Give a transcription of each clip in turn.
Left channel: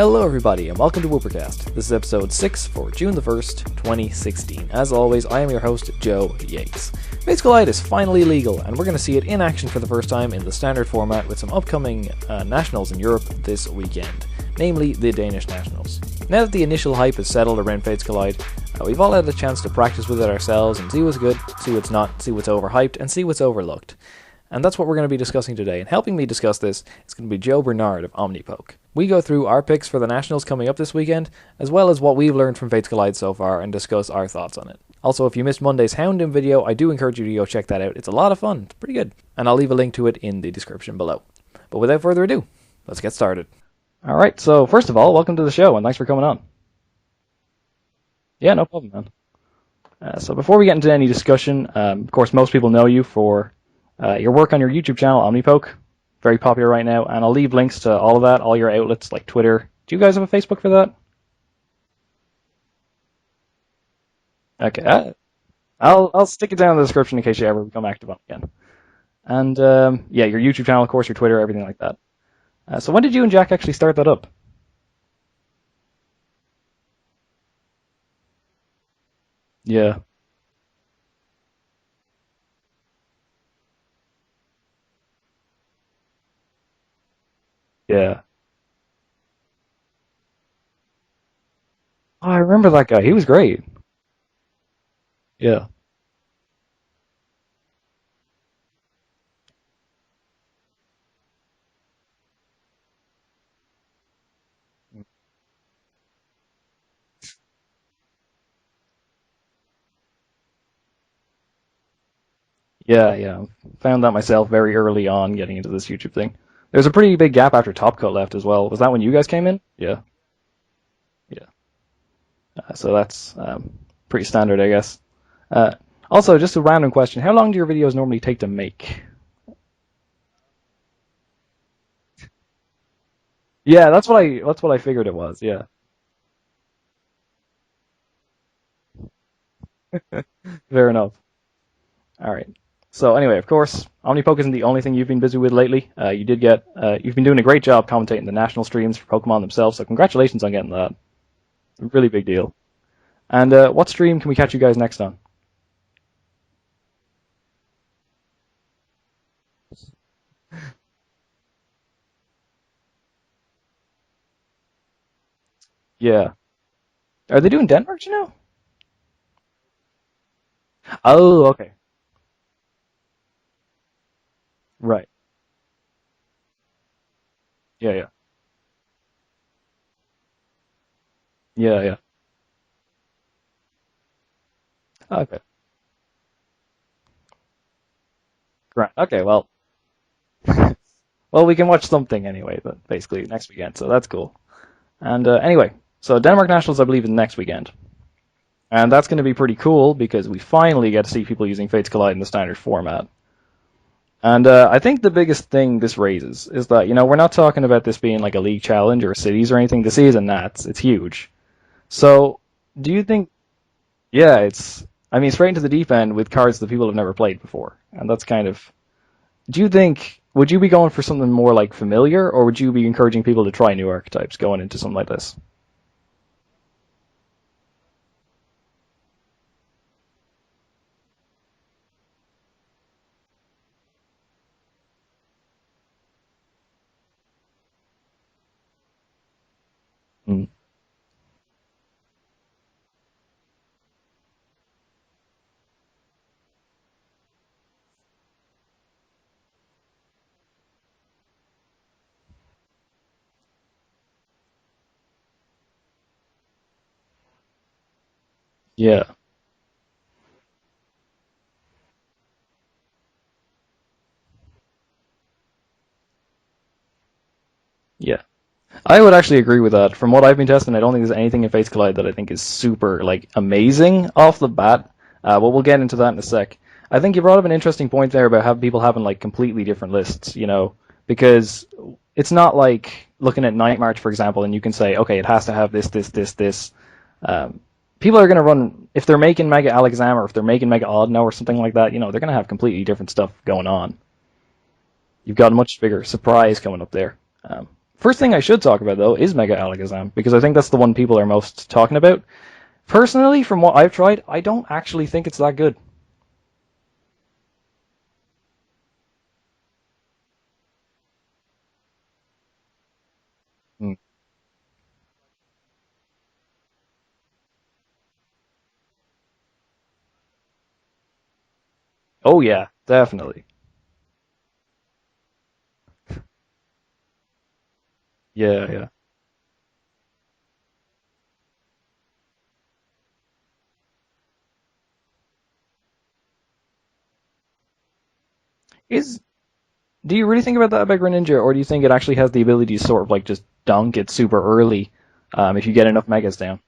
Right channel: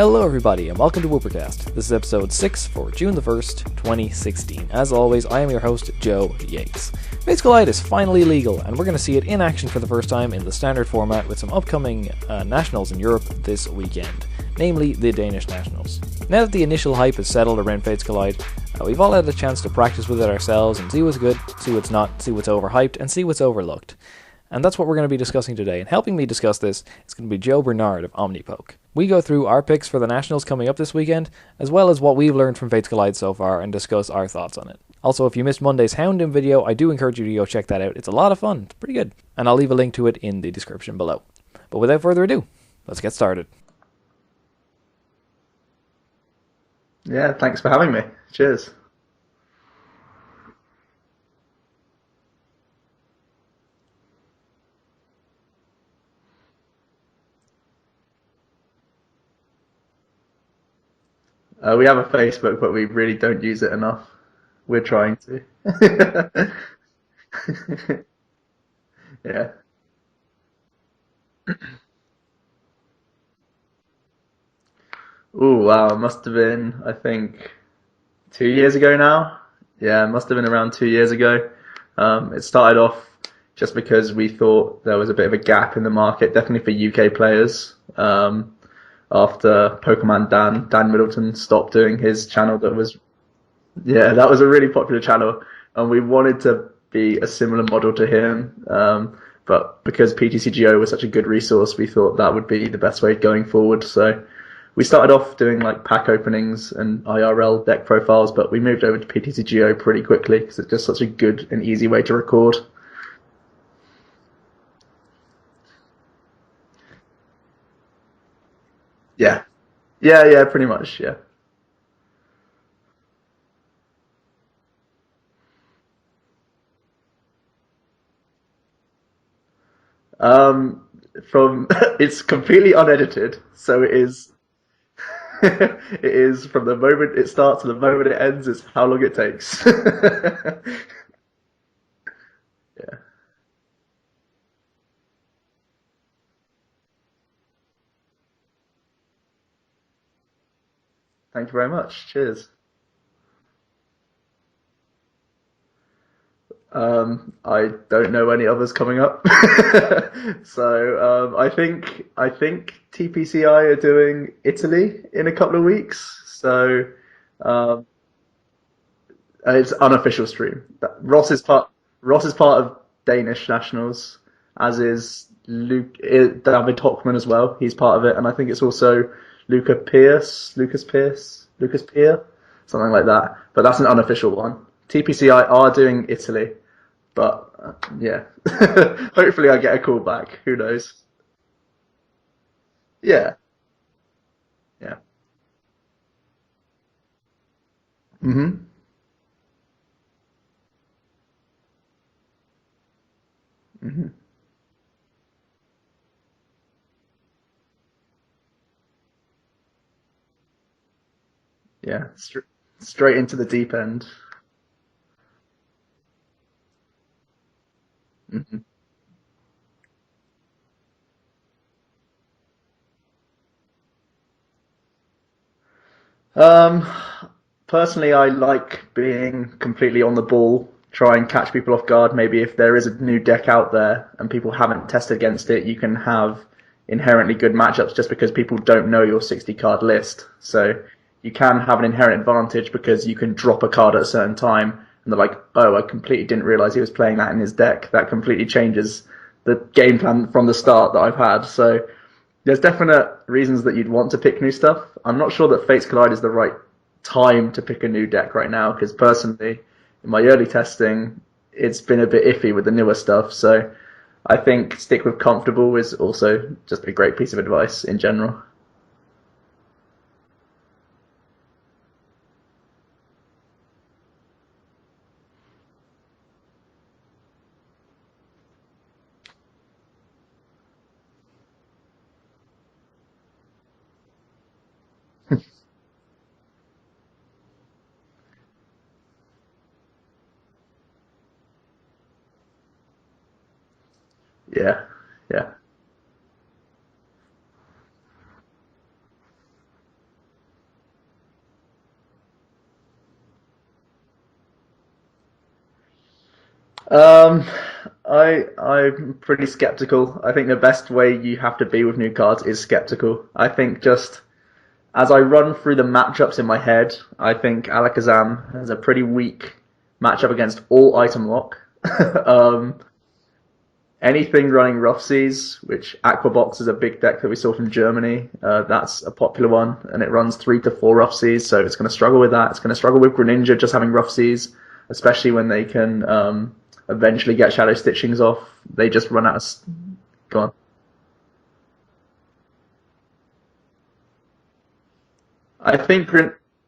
Hello everybody and welcome to Woopercast. This is episode 6 for June the 1st, 2016. As always, I am your host, Joe Yates. Fates Collide is finally legal, and we're going to see it in action for the first time in the standard format with some upcoming nationals in Europe this weekend, namely the Danish nationals. Now that the initial hype is settled around Fates Collide, we've all had a chance to practice with it ourselves and see what's good, see what's not, see what's overhyped, and see what's overlooked. And that's what we're going to be discussing today. And helping me discuss this is going to be Joe Bernard of Omnipoke. We go through our picks for the Nationals coming up this weekend, as well as what we've learned from Fates Collide so far, and discuss our thoughts on it. Also, if you missed Monday's Houndoom video, I do encourage you to go check that out. It's a lot of fun. It's pretty good. And I'll leave a link to it in the description below. But without further ado, let's get started. Alright, so first of all, welcome to the show, and thanks for coming on. Yeah, thanks for having me. Cheers. Yeah, no problem, man. So before we get into any discussion, of course, most people know you for your work on your YouTube channel, Omnipoke. Very popular right now, and I'll leave links to all of that, all your outlets like Twitter. Do you guys have a Facebook for that? We have a Facebook, but we really don't use it enough. Okay. We're trying to. I'll stick it down in the description in case you ever become active on it again. Yeah. And your YouTube channel, of course, your Twitter, everything like that. So when did you and Jack actually start that up? Ooh, wow, it must have been, I think, 2 years ago now. Yeah, it must have been around 2 years ago. It started off just because we thought there was a bit of a gap in the market, definitely for UK players. Yeah. After Pokemon Dan Middleton stopped doing his channel. I remember that guy. He was great. Yeah, that was a really popular channel. Yeah. And we wanted to be a similar model to him. But because PTCGO was such a good resource, we thought that would be the best way going forward. So we started off doing like pack openings and IRL deck profiles, but we moved over to PTCGO pretty quickly because it's just such a good and easy way to record. Yeah. Found that myself very early on getting into this YouTube thing. There's a pretty big gap after Top Cut left as well. Was that when you guys came in? Yeah, pretty much, yeah. So that's pretty standard, I guess. Also, just a random question. How long do your videos normally take to make? It's completely unedited. So that's what I figured it was. Yeah. It is from the moment it starts to the moment it ends is how long it takes. Fair enough. All right. Yeah. So anyway, of course, Omnipoke isn't the only thing you've been busy with lately. You've been doing a great job commentating the national streams for Pokemon themselves. So congratulations on getting that. Thank you very much. Really big deal. And what stream can we catch you guys next on? I don't know any others coming up. So I think TPCI are doing Italy in a couple of weeks. Yeah. So are they doing Denmark? Do you know? It's unofficial stream. Ross is part of Danish nationals, as is David Hockman as well. He's part of it, and I think it's also Lucas Pierce, Pierre, something like that. But that's an unofficial one. TPCI are doing Italy, but hopefully I get a call back. Who knows? Well, we can watch something anyway, but basically next weekend, so that's cool. Yeah. And anyway, so Denmark Nationals, I believe, is next weekend. Mm-hmm. And that's going to be pretty cool because we finally get to see people using Fates Collide in the standard format. Mm-hmm. And I think the biggest thing this raises is that, we're not talking about this being like a league challenge or cities or anything. This is a Nats. It's huge. Yeah. So do you think into the deep end? Yeah, straight into the deep end with cards that people have never played before. And that's kind of... Do you think... Would you be going for something more like familiar, or would you be encouraging people to try new archetypes going into something like this? Personally, I like being completely on the ball, try and catch people off guard. Maybe if there is a new deck out there and people haven't tested against it, you can have inherently good matchups just because people don't know your 60-card list. So you can have an inherent advantage because you can drop a card at a certain time and they're like, oh, I completely didn't realize he was playing that in his deck. That completely changes the game plan from the start that I've had. So there's definite reasons that you'd want to pick new stuff. I'm not sure that Fates Collide is the right time to pick a new deck right now because personally, in my early testing, it's been a bit iffy with the newer stuff. So I think stick with comfortable is also just a great piece of advice in general. Yeah. I would actually agree with that. From what I've been testing, I don't think there's anything in Fates Collide that I think is super amazing off the bat. But we'll get into that in a sec. I think you brought up an interesting point there about people having completely different lists, because it's not like looking at Night March, for example, and you can say, okay, it has to have this. People are going to run, if they're making Mega Alakazam or if they're making Mega Audino or something like that, they're going to have completely different stuff going on. Yeah. You've got a much bigger surprise coming up there. First thing I should talk about, though, is Mega Alakazam, because I think that's the one people are most talking about. Personally, from what I've tried, I don't actually think it's that good. Um, I'm pretty skeptical. I think the best way you have to be with new cards is skeptical. I think just as I run through the matchups in my head, I think Alakazam has a pretty weak matchup against all item lock. Oh yeah, definitely. Anything running Rough Seas, which Aquabox is a big deck that we saw from Germany. Yeah. That's a popular one, and it runs 3 to 4 Rough Seas, so it's going to struggle with that. It's going to struggle with Greninja just having Rough Seas, especially when they can eventually get Shadow Stitchings off. They just run out of... Do you really think about that about Greninja, or do you think it actually has the ability to sort of like just dunk it super early if you get enough Megas down?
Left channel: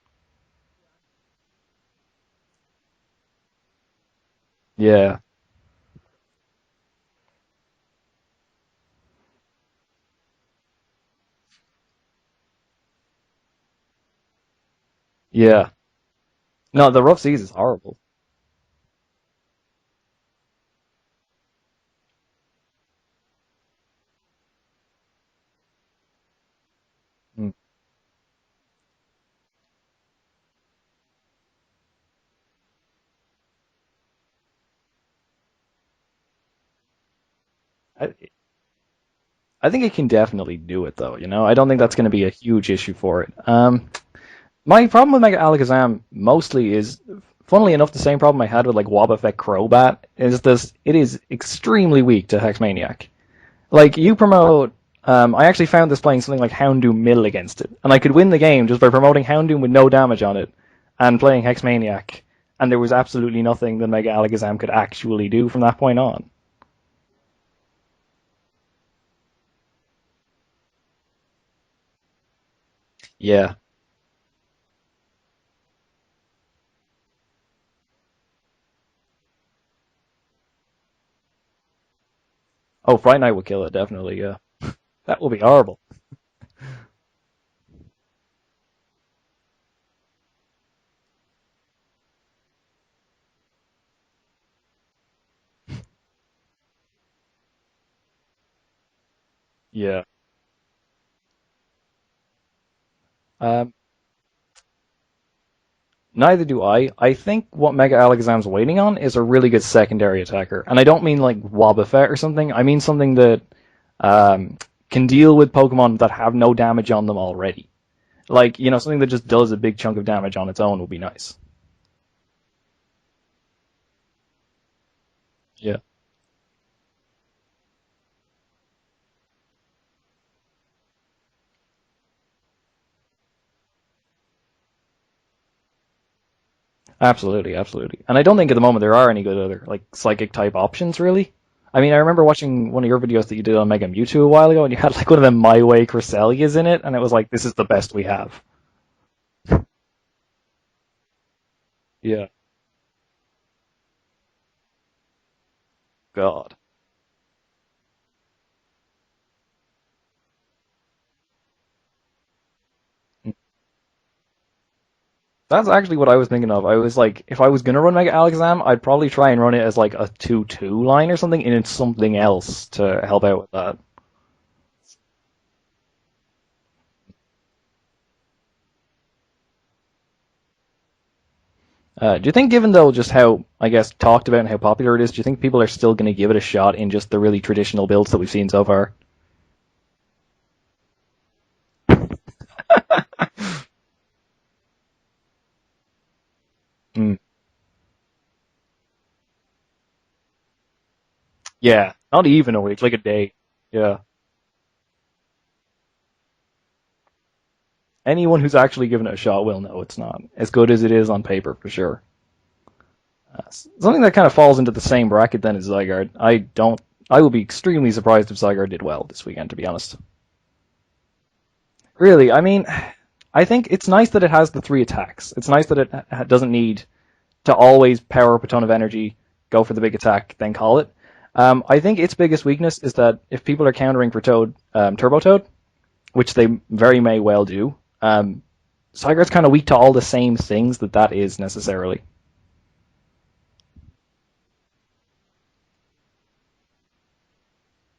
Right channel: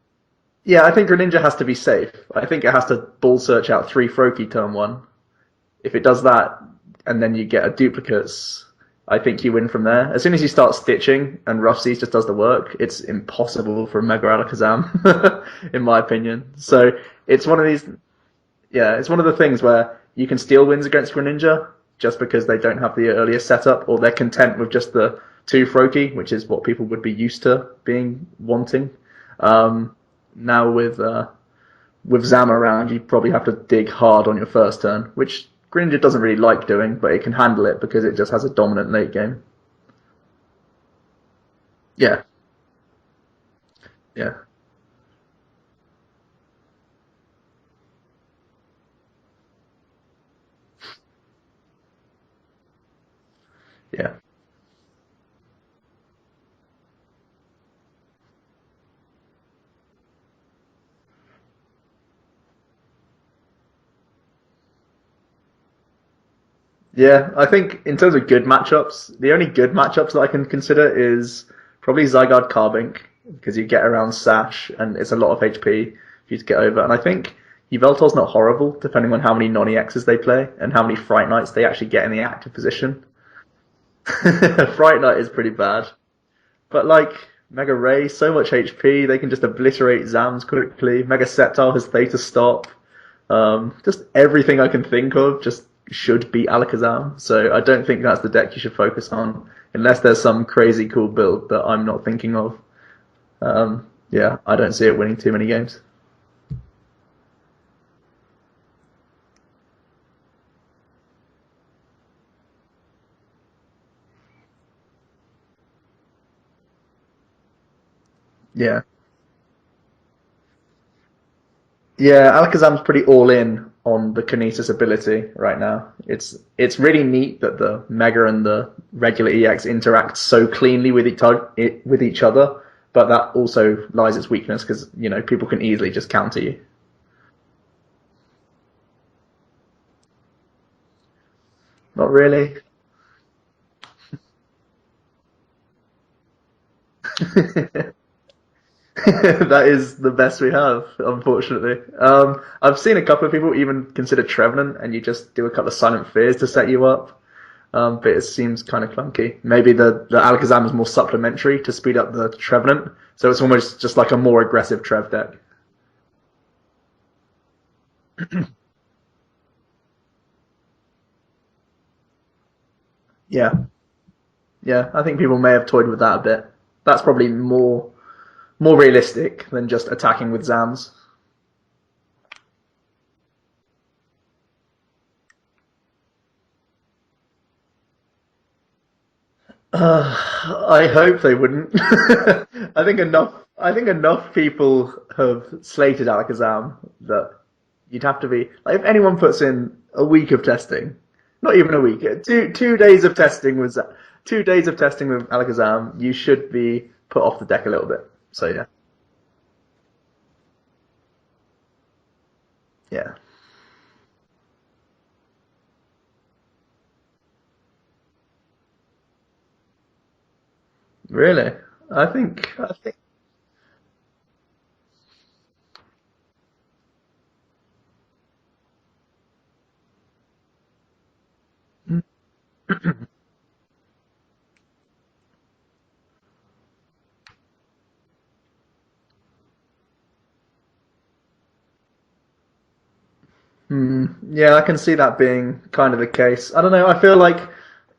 Yeah, I think Greninja has to be safe. I think it has to Ball Search out 3 Froakie turn 1. Yeah. If it does that, and then you get a duplicates, I think you win from there. As soon as you start stitching and Rough Seas just does the work, it's impossible for Mega Alakazam. Yeah. In my opinion. So no, the Rough Seas it's one of these. Yeah, it's one of the things where you can steal wins against Greninja just because they don't have the earliest setup, or they're content with just the 2 Froakie, which is what people would be used to wanting. Now with Zam around, you probably have to dig hard on your first turn, which Greninja doesn't really like doing, but it can handle it because it just has a dominant late game. I think it can definitely do it, though. I don't think that's going to be a huge issue for it. My problem with Mega Alakazam mostly is, funnily enough, the same problem I had with like Wobbuffet Crobat is this: it is extremely weak to Hexmaniac. You promote. I actually found this playing something like Houndoom Mill against it, and I could win the game just by promoting Houndoom with no damage on it and playing Hexmaniac. And there was absolutely nothing that Mega Alakazam could actually do from that point on. Yeah, I think in terms of good matchups, the only good matchups that I can consider is probably Zygarde Carbink. Yeah. Because you get around Sash, and it's a lot of HP for you to get over. And I think Yveltal's not horrible, depending on how many non-EXs they play and how many Fright Knights they actually get in the active position. Oh, Fright Knight would kill it, definitely. Yeah. Fright Knight is pretty bad. But Mega Ray, so much HP, they can just obliterate Zams quickly. Mega Sceptile has Theta Stop. Just everything I can think of just should beat Alakazam. So I don't think that's the deck you should focus on, unless there's some crazy cool build that I'm not thinking of. I don't see it winning too many games. Neither do I. I think what Mega Alakazam's waiting on is a really good secondary attacker. And I don't mean like Wobbuffet or something. I mean something that can deal with Pokemon that have no damage on them already. Something that just does a big chunk of damage on its own would be nice. Yeah, Alakazam's pretty all in on the Kinesis ability right now. Yeah. It's really neat that the Mega and the regular EX interact so cleanly with each other, but that also lies its weakness because, people can easily just counter you. Absolutely, absolutely. And I don't think at the moment there are any good other psychic-type options, really. I mean, I remember watching one of your videos that you did on Mega Mewtwo a while ago, and you had one of them My Way Cresselias in it, and it was like, this is the best we have. That is the best we have, unfortunately. Yeah. I've seen a couple of people even consider Trevenant, and you just do a couple of Silent Fears to set you up. But it seems kind of clunky. Maybe the Alakazam is more supplementary to speed up the Trevenant, so it's almost just like a more aggressive Trev deck. That's actually what I was thinking of. I was like, if I was going to run Mega Alakazam, I'd probably try and run it as like a 2-2 line or something, and it's something else to help out with that. Yeah, I think people may have toyed with that a bit. That's probably more realistic than just attacking with Zams. Do you think, given though just how, I guess, talked about and how popular it is, do you think people are still going to give it a shot in just the really traditional builds that we've seen so far? I hope they wouldn't. I think enough people have slated Alakazam that you'd have to be like, if anyone puts in a week of testing, not even a week, not even two days of testing with 2 days of testing with Alakazam, you should be put off the deck a little bit. Anyone who's actually given it a shot will know it's not as good as it is on paper, for sure. Yeah. Something that kind of falls into the same bracket then is Zygarde. I would be extremely surprised if Zygarde did well this weekend, to be honest. Really? I think it's nice that it has the 3 attacks. It's nice that it doesn't need to always power up a ton of energy, go for the big attack, then call it. I think its biggest weakness is that if people are countering for Toad, Turbo Toad, which they very may well do, Zygarde's kind of weak to all the same things that is necessarily. Yeah, I can see that being kind of the case. I don't know, I feel like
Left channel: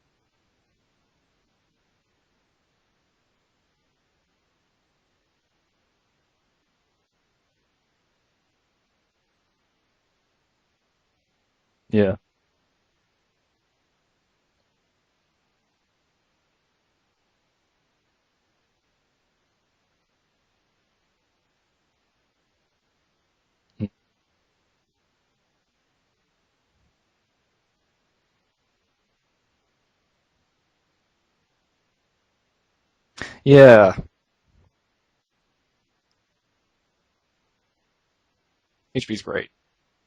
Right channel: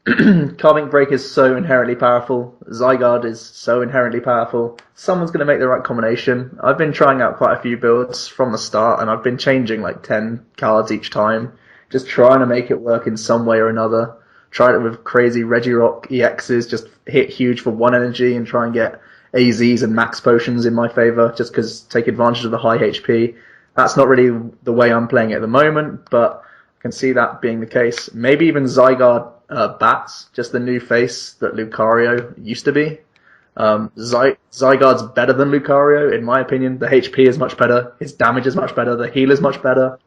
Carving Break is so inherently powerful. Zygarde is so inherently powerful. Someone's going to make the right combination. I've been trying out quite a few builds from the start, and I've been changing like 10 cards each time, just Yeah. trying to make it work in some way or another. Tried it with crazy Regirock EXs, just hit huge for 1 energy and try and get AZs and max potions in my favor, just because take advantage of the high HP. That's not really the way I'm playing it at the moment, but I can see that being the case. Maybe even Zygarde Bats, just the new face that Lucario used to be. Yeah. Zygarde's better than Lucario, in my opinion. The HP is much better, his damage is much better, the HP's heal is great. much better.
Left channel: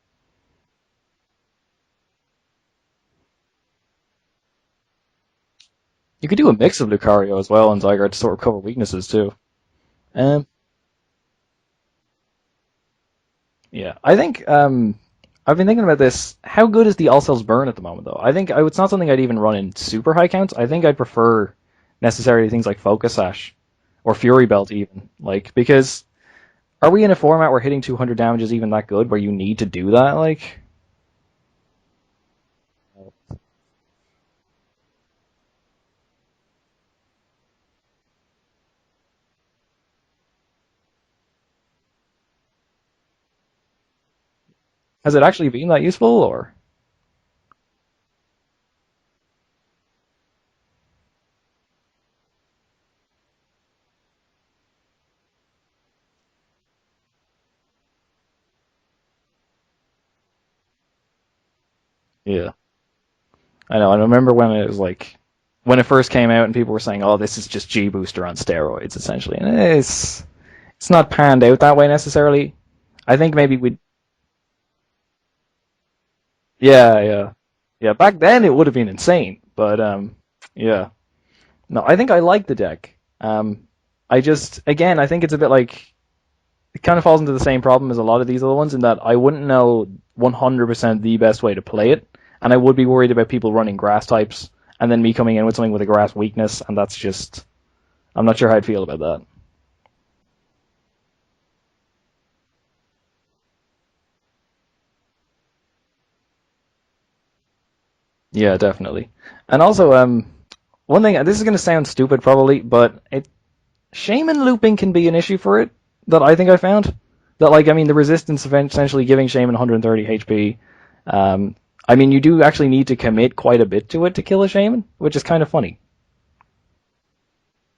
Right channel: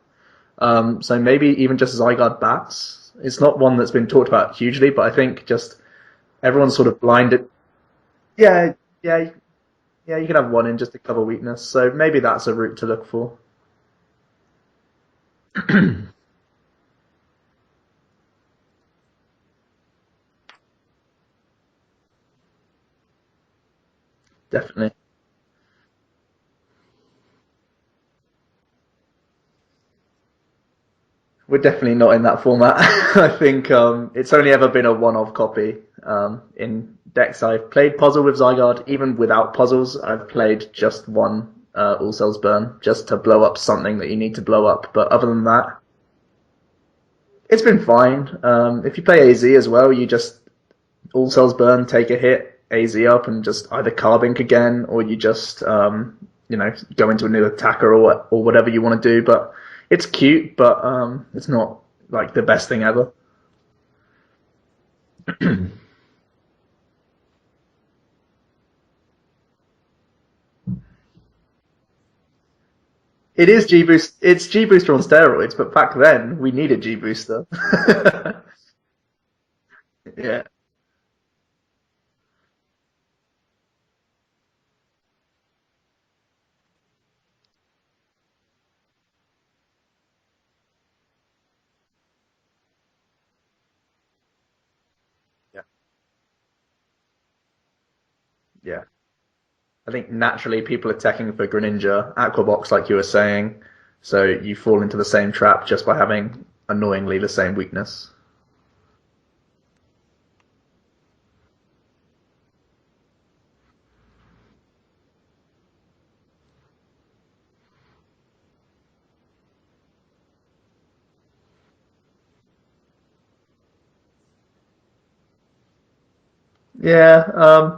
So maybe even just Zygarde Bats. It's not one that's been talked about hugely, but I think just You could do a everyone's mix of sort of Lucario blinded. as well and Zygarde to sort of cover Yeah, weaknesses yeah, too. yeah. You can Uh, have one in just to cover weakness. So maybe that's a route to look for. yeah. I think I've been thinking about this. How good is the All Cells burn at the moment though? I think it's not something I'd even run in super high counts. I think I'd prefer necessarily things like Focus Sash or Fury Belt Definitely. even. Like because are we in a format where hitting 200 damage is even that good where you need to do that? Like We're definitely not in that format. I think it's only ever been a one-off copy. In decks I've played Puzzle with Zygarde. Even without puzzles, I've played just one All Cells Burn, just to blow up something that you need to blow up. But has it other than actually been that, that useful or? it's been fine. If you play AZ as well, you just All Cells Burn, take a hit, AZ up, and just either Carbink again, or you just go into a new attacker or whatever you want to do. But it's cute, but it's not like the Yeah. best thing ever. I know. I remember when it was like when it first came out and people were saying, "Oh, this is just G Booster on steroids," essentially, and it's not panned out that way necessarily. I think It maybe is we, G Boost. It's G Booster on steroids, but back then we needed G yeah, yeah, Booster. yeah. Back then it would have been insane, but Yeah, yeah. No, I think I like the deck. I just again, I think it's a bit like it kind of falls into the same problem as a lot of these other ones in that I wouldn't know 100% the best way to play it, and I would be worried about people running grass types and then me coming in with something with a grass weakness, and that's just I'm not sure how I'd feel yeah. about that. I think naturally people are teching for Greninja, Aquabox, like you were saying, so you fall into the same trap just by having annoyingly the same weakness. Yeah, definitely. And also, one thing, this is going to sound stupid probably, but Shaman looping can be an issue for it that I think I found. That like, I mean, the resistance essentially giving Shaman 130 HP. I mean, you do actually need to commit quite a bit to it to kill a Shaman, which is kind of funny. Yeah,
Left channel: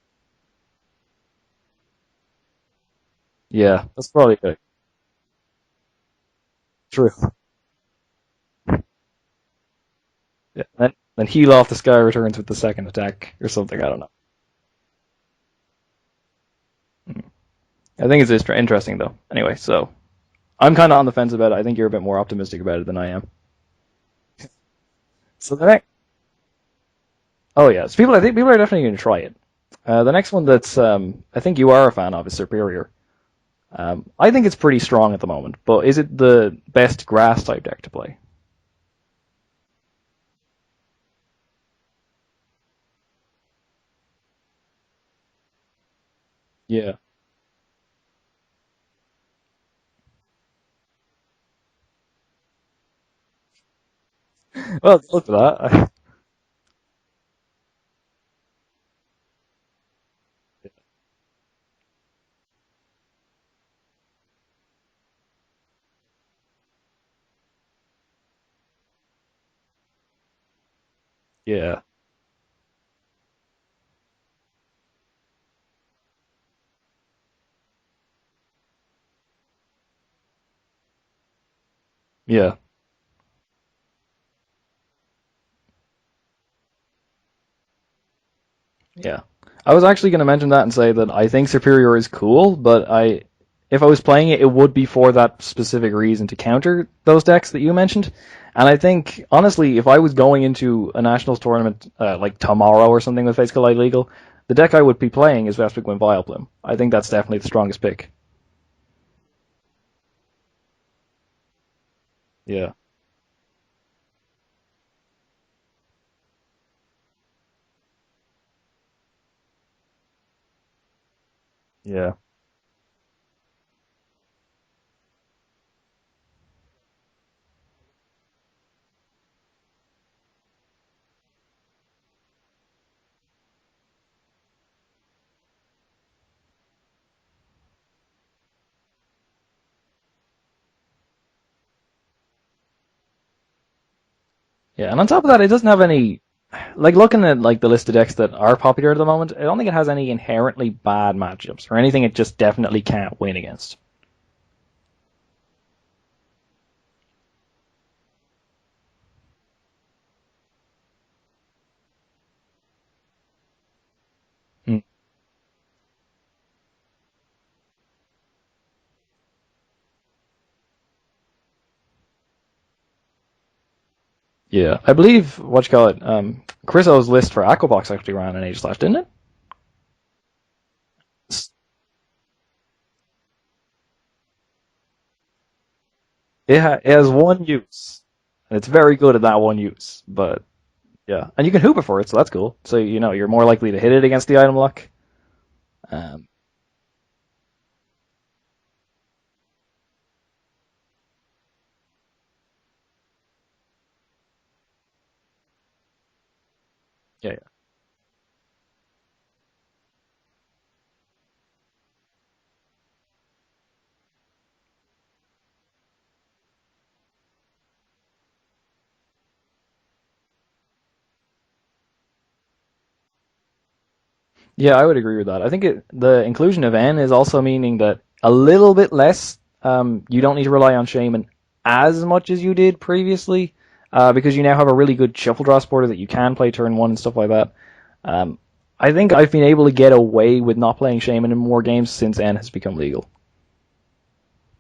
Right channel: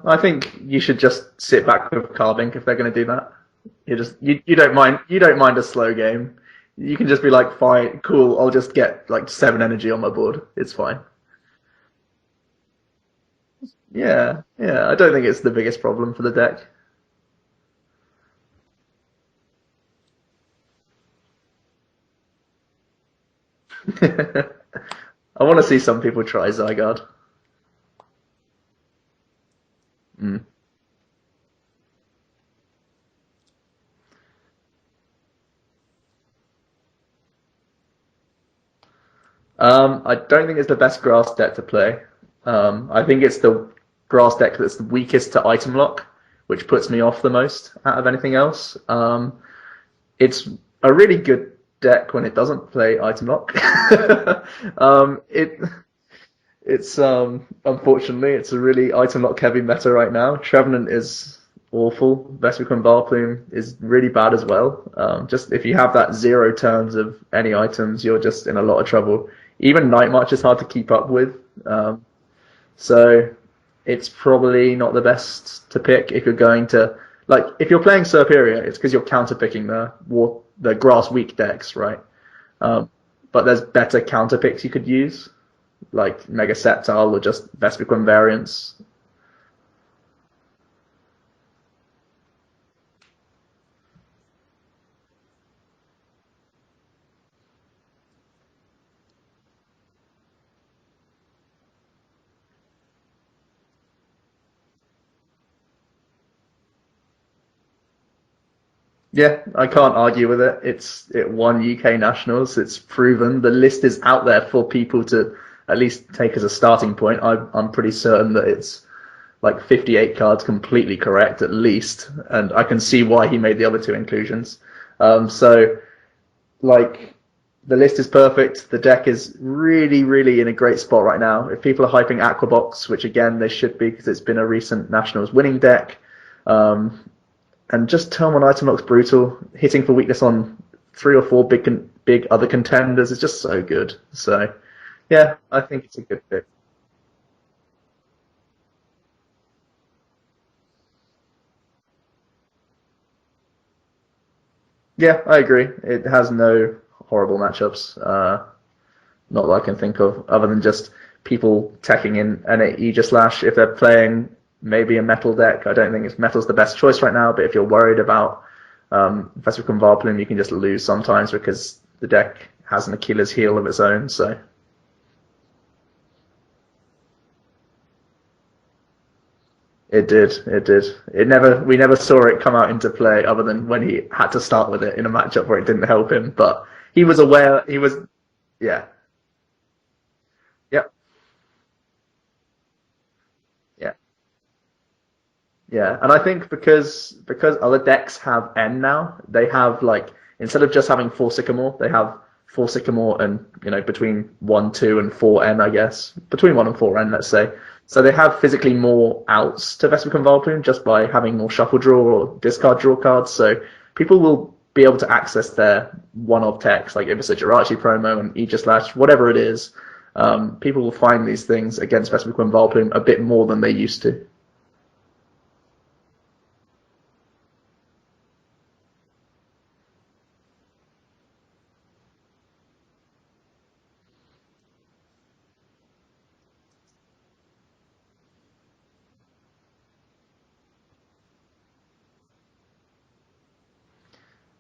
I think you should just sit back with Carbink if they're going to do that. Yeah, You that's just probably you good. don't mind a slow game. You can True. just be like, fine, cool. I'll just get like 7 energy on my board. It's Then, fine. then heal off the Sky Returns with the second attack or something. I don't know. Yeah, yeah. I don't think it's the biggest problem for the deck. I think it's interesting though. Anyway, so I'm kind of on the fence about it. I think you're a bit more optimistic about it than I am. I So want to the see next, some people try Zygarde. oh yeah, so I think people are definitely going to try it. The next Hmm. one that's I think you are a fan of is Superior. I think it's pretty strong at the moment, but is it the best grass type deck to play? I don't think it's the best grass deck to play. I think it's the grass deck that's the weakest to item lock, which puts Yeah. me off the most out of anything else. It's a really good deck when it doesn't play item lock. Well, look at It that. it's unfortunately it's a really item lock heavy meta right now. Trevenant is awful. Vespiquen Barplume is really bad as well. Just if you have that 0 turns of any items, you're just in a lot of trouble. Even Night March is hard to keep up with. Yeah. So it's probably not the best to pick if you're going to like if you're playing Superior, it's because you're counter picking the grass weak decks, right? Yeah. But there's better counter picks you could use, like Mega Sceptile or just Vespiquen variants. Yeah. I was actually going to mention that and say that I think Superior is cool, but if I was playing it, it would be for that specific reason to counter those decks that you mentioned. And I think, honestly, if I was going into a Nationals tournament like tomorrow or something with Face Collide Legal, the deck I would be playing is Vespiquen Vileplume. I think that's definitely the strongest pick. Yeah, I can't argue with it. It won UK Nationals. Yeah. It's proven. The list is out there for people to at least take as a starting point. I'm pretty certain that it's like 58 cards completely correct at least, Yeah. and I can see why he made the other two inclusions. So like The list is perfect. The deck is really, really in a great spot right now. If people are hyping Aquabox, which again they should be because it's been a recent Nationals winning deck, and just turn one item looks brutal. Hitting for weakness on 3 or 4 big other contenders is just so good. So Yeah, and on top of that, it doesn't have it's a any, good pick. like looking at like the list of decks that are popular at the moment, I don't think it has any inherently bad matchups or anything it just definitely can't win against. Yeah, I agree. It has no horrible matchups. Not that I can think of, other than just people teching in an Aegislash if they're playing maybe a metal deck. I don't think metal's the best choice right now, but if you're worried about Vesper Convarpulum, you can just lose sometimes because the deck has an Achilles heel of its own. So Yeah, I believe what you call it, Chris O's list for Aquabox actually ran an Aegislash, didn't it? it did. It did. We never saw it come out into play other than when he had to start with it in a matchup where it didn't help him. But It he has was one aware. He use, was. and it's Yeah. very good at that one use, but Yep. yeah, and you can hoop it for it, so that's cool. So you're more likely to hit it against the item luck. Yeah, and I think because other decks have N now, they have like instead of just having 4 Sycamore, they have 4 Sycamore and between 1, 2, and 4 N, I guess between 1 and 4 N, let's say. So they have physically more outs to Vesper Convolplum just by having more shuffle draw or discard draw cards. So people will be able to access their one-off techs, like if it's a Jirachi promo and Aegislash, whatever it is. People will find these things against Vesper Convolplum a bit more than they used to. Yeah, I would agree with that. I think the inclusion of N is also meaning that a little bit less. You don't need to rely on Shaman as much as you did previously, because you now have a really good shuffle draw supporter that you can play turn one and stuff like that. I think I've been able to get away with not playing Shaman in more games since N has become legal.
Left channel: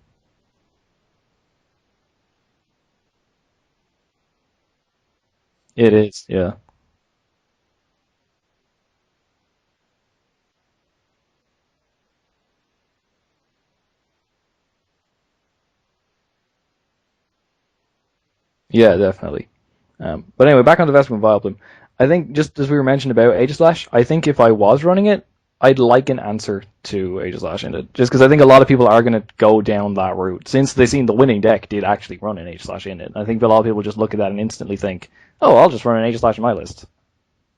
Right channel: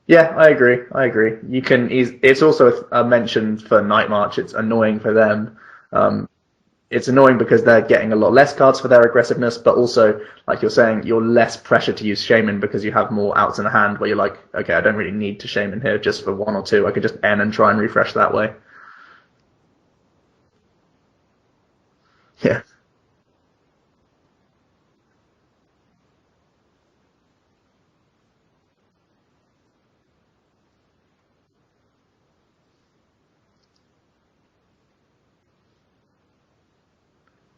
Yeah, I agree. You can. It's also a mention for Night March. It's annoying for them. It is, yeah. It's annoying because they're getting a lot less cards for their aggressiveness, but also, like you're saying, you're less pressure to use Shaman because you have more outs in the hand where you're like, okay, I don't really need to Shaman here just for 1 or 2. I could just N and try and refresh that way. Yeah, definitely. But anyway, back on the Vesper Convolplum. I think just as we were mentioning about Aegislash, I think if I was running it, I'd like an answer to Aegislash in it. Just because I think a lot of people are going to go down that route. Since they've seen the winning deck did actually run an Aegislash in it. I think a lot of people just look at that and instantly think, oh, I'll just run an Aegislash in my list.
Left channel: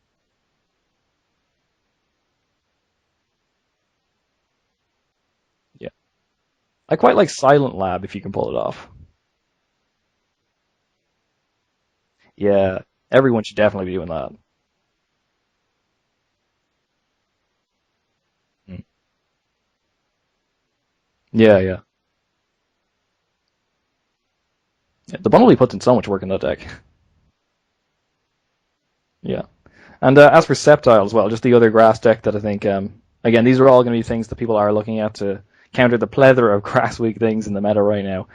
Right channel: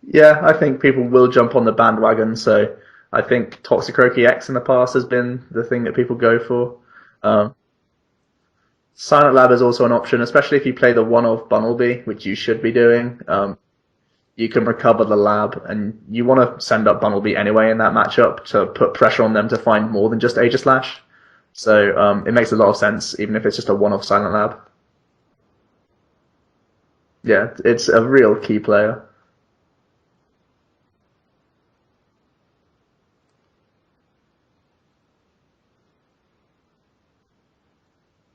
Yeah, I think people will jump on the bandwagon, so I think Toxicroaky X in the past has been the thing that people go for. I quite like Silent Lab if you can pull it off. Silent Lab is also an option, especially if you play the one-off Bunnelby, which you should be doing. Everyone should definitely be doing that. You can recover the lab, and you want to send up Bunnelby anyway in that matchup to put pressure on them to find more than just Aegislash. Yeah. So it makes a lot of sense, even if it's just a one-off Silent Lab. Yeah, the Bunnelby puts in so much work in that deck. Yeah, it's a real key player. Yeah. And as for Sceptile as well, just the other grass deck that I think, again, these are all going to be things that people are looking at to counter the plethora of grass weak things in the meta right now.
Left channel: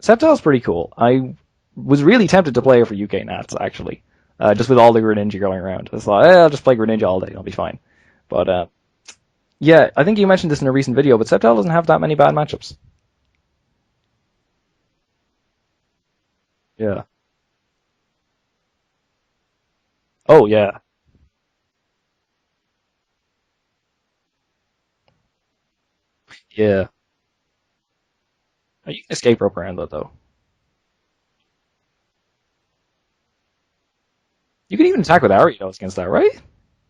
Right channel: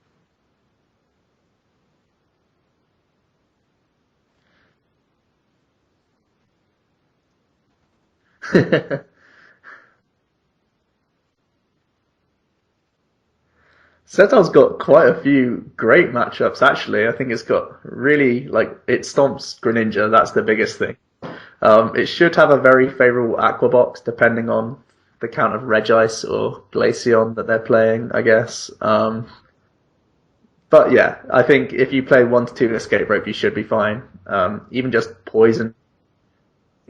Sceptile's pretty cool. I was really tempted to play it for UK Nats, actually, just with all the Greninja going around. I thought, I'll just play Greninja all day, I'll be fine. But yeah, I think you mentioned this in a recent video, but Sceptile doesn't have that many bad matchups. Sceptile's got quite a few great matchups, actually. Yeah. I think it's got really, it stomps Greninja. That's the biggest thing. It should have a very favorable Aquabox, depending on the count of Regice or Glaceon that they're playing, I guess. Escape Rope around that, though. But yeah, I think if you play 1 to 2 Escape Rope, you should be fine. You can just attack with Ariados against that, right?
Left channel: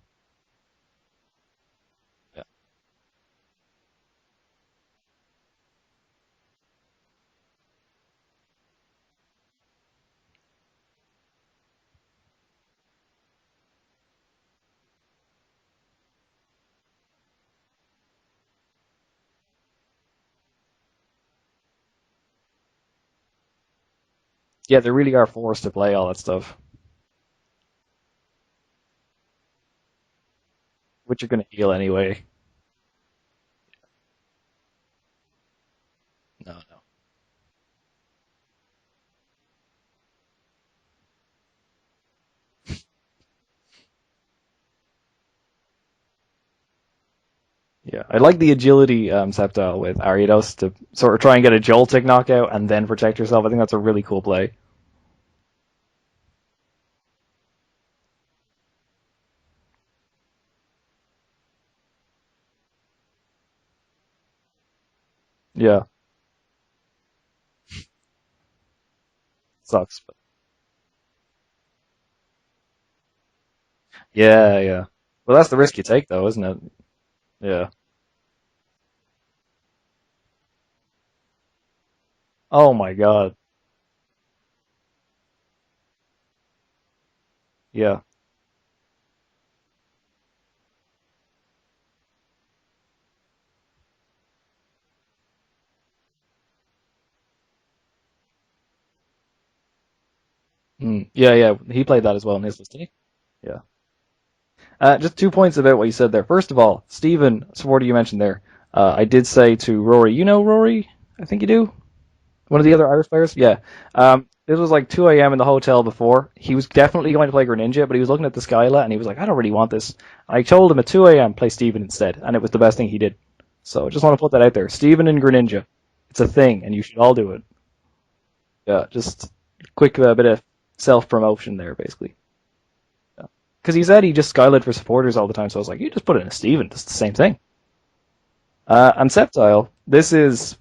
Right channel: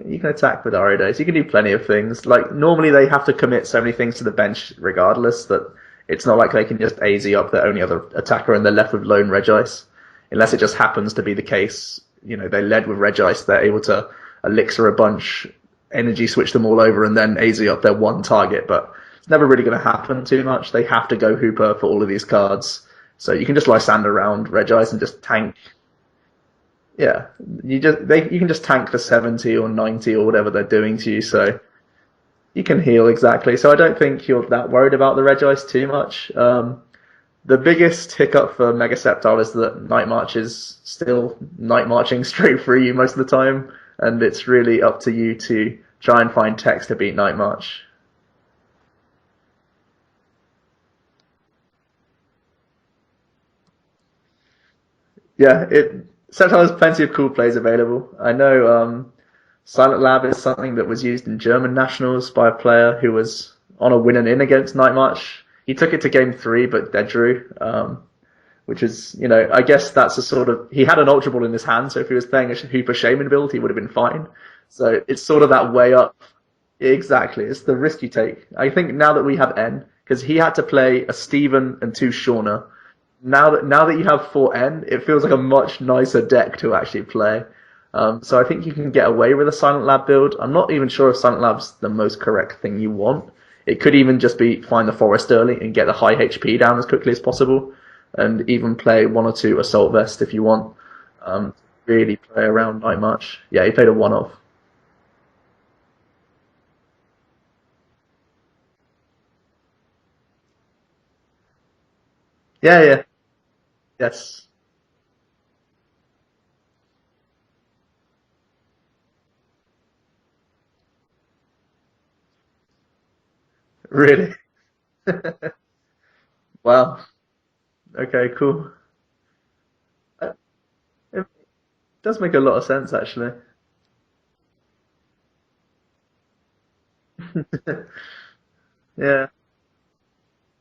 You can attack with Ariados. You can do plenty of things. Normally they have to commit so many things to the bench regardless that it's not like they can just AZ up their only other attacker and they're left with lone Regice. Unless it just happens to be the case, they led with Regice, they're able to elixir a bunch, energy switch them all over, and then AZ up their one target. But it's never really going to happen too much. They have to go Hooper for all of these cards. So you can just Lysander around Regice. Yeah, they really are tank. Forced to play all that stuff. Yeah, you can just tank the 70 or 90 or whatever they're doing to you. So heal anyway. You can heal, exactly. So I don't think you're that worried about the Regice too much. The biggest hiccup for Mega Sceptile is that Night March is still Night Marching straight through you most of the time, and it's really up to you to try and find techs to beat Night March. Yeah, I like the agility Sceptile with Ariados to sort of try and get a Joltik knockout and then protect yourself. I think that's a really cool play. Yeah, Sceptile has plenty of cool plays available. I know Silent Lab is something that was used in German Nationals by a player who was on a win and in against Night March. Yeah. He took it to game 3, but dead drew, which is, I guess that's a sort of, he had an Ultra Ball in his hand, so if he was playing a Hooper Shaman build, he would have been fine. Yeah. So it's Well, sort of that's that the risk way you take, up. though, isn't it? Exactly, it's Yeah. the risk you take. I think now that we have N, because he had to play a Steven and two Shauna. Oh my god. Now that you have 4N, it feels like a much nicer deck to actually play. Yeah. So I think you can get away with a Silent Lab build. I'm not even sure if Silent Lab's the most correct thing you want. It could even just be find the Forest early and get the high HP down as quickly as possible, and even play one or two Assault Vest if you want. Yeah. He played that Really as well. play in around 16. Night March. Yeah. Yeah, he played a one-off. Just 2 points about what you said there. First of all, Stephen, supporter you mentioned there, I did say to Rory, you know Rory? I think you do? One of the other Irish players? Yeah. Yes. This was like 2 a.m. in the hotel before. He was definitely going to play Greninja, but he was looking at the Skyla and he was like, I don't really want this. I told him at 2 a.m. play Stephen instead, and it was the best thing he did. So just want to put that out there. Stephen and Greninja. It's a thing, and you should all do it. Okay, cool. Yeah, just quick bit of self-promotion there, basically. It does make a lot of sense, actually. Because he said he just Skylit for supporters all the time, so I was like, you just put it in a Steven, it's the same thing. And Sceptile, this is...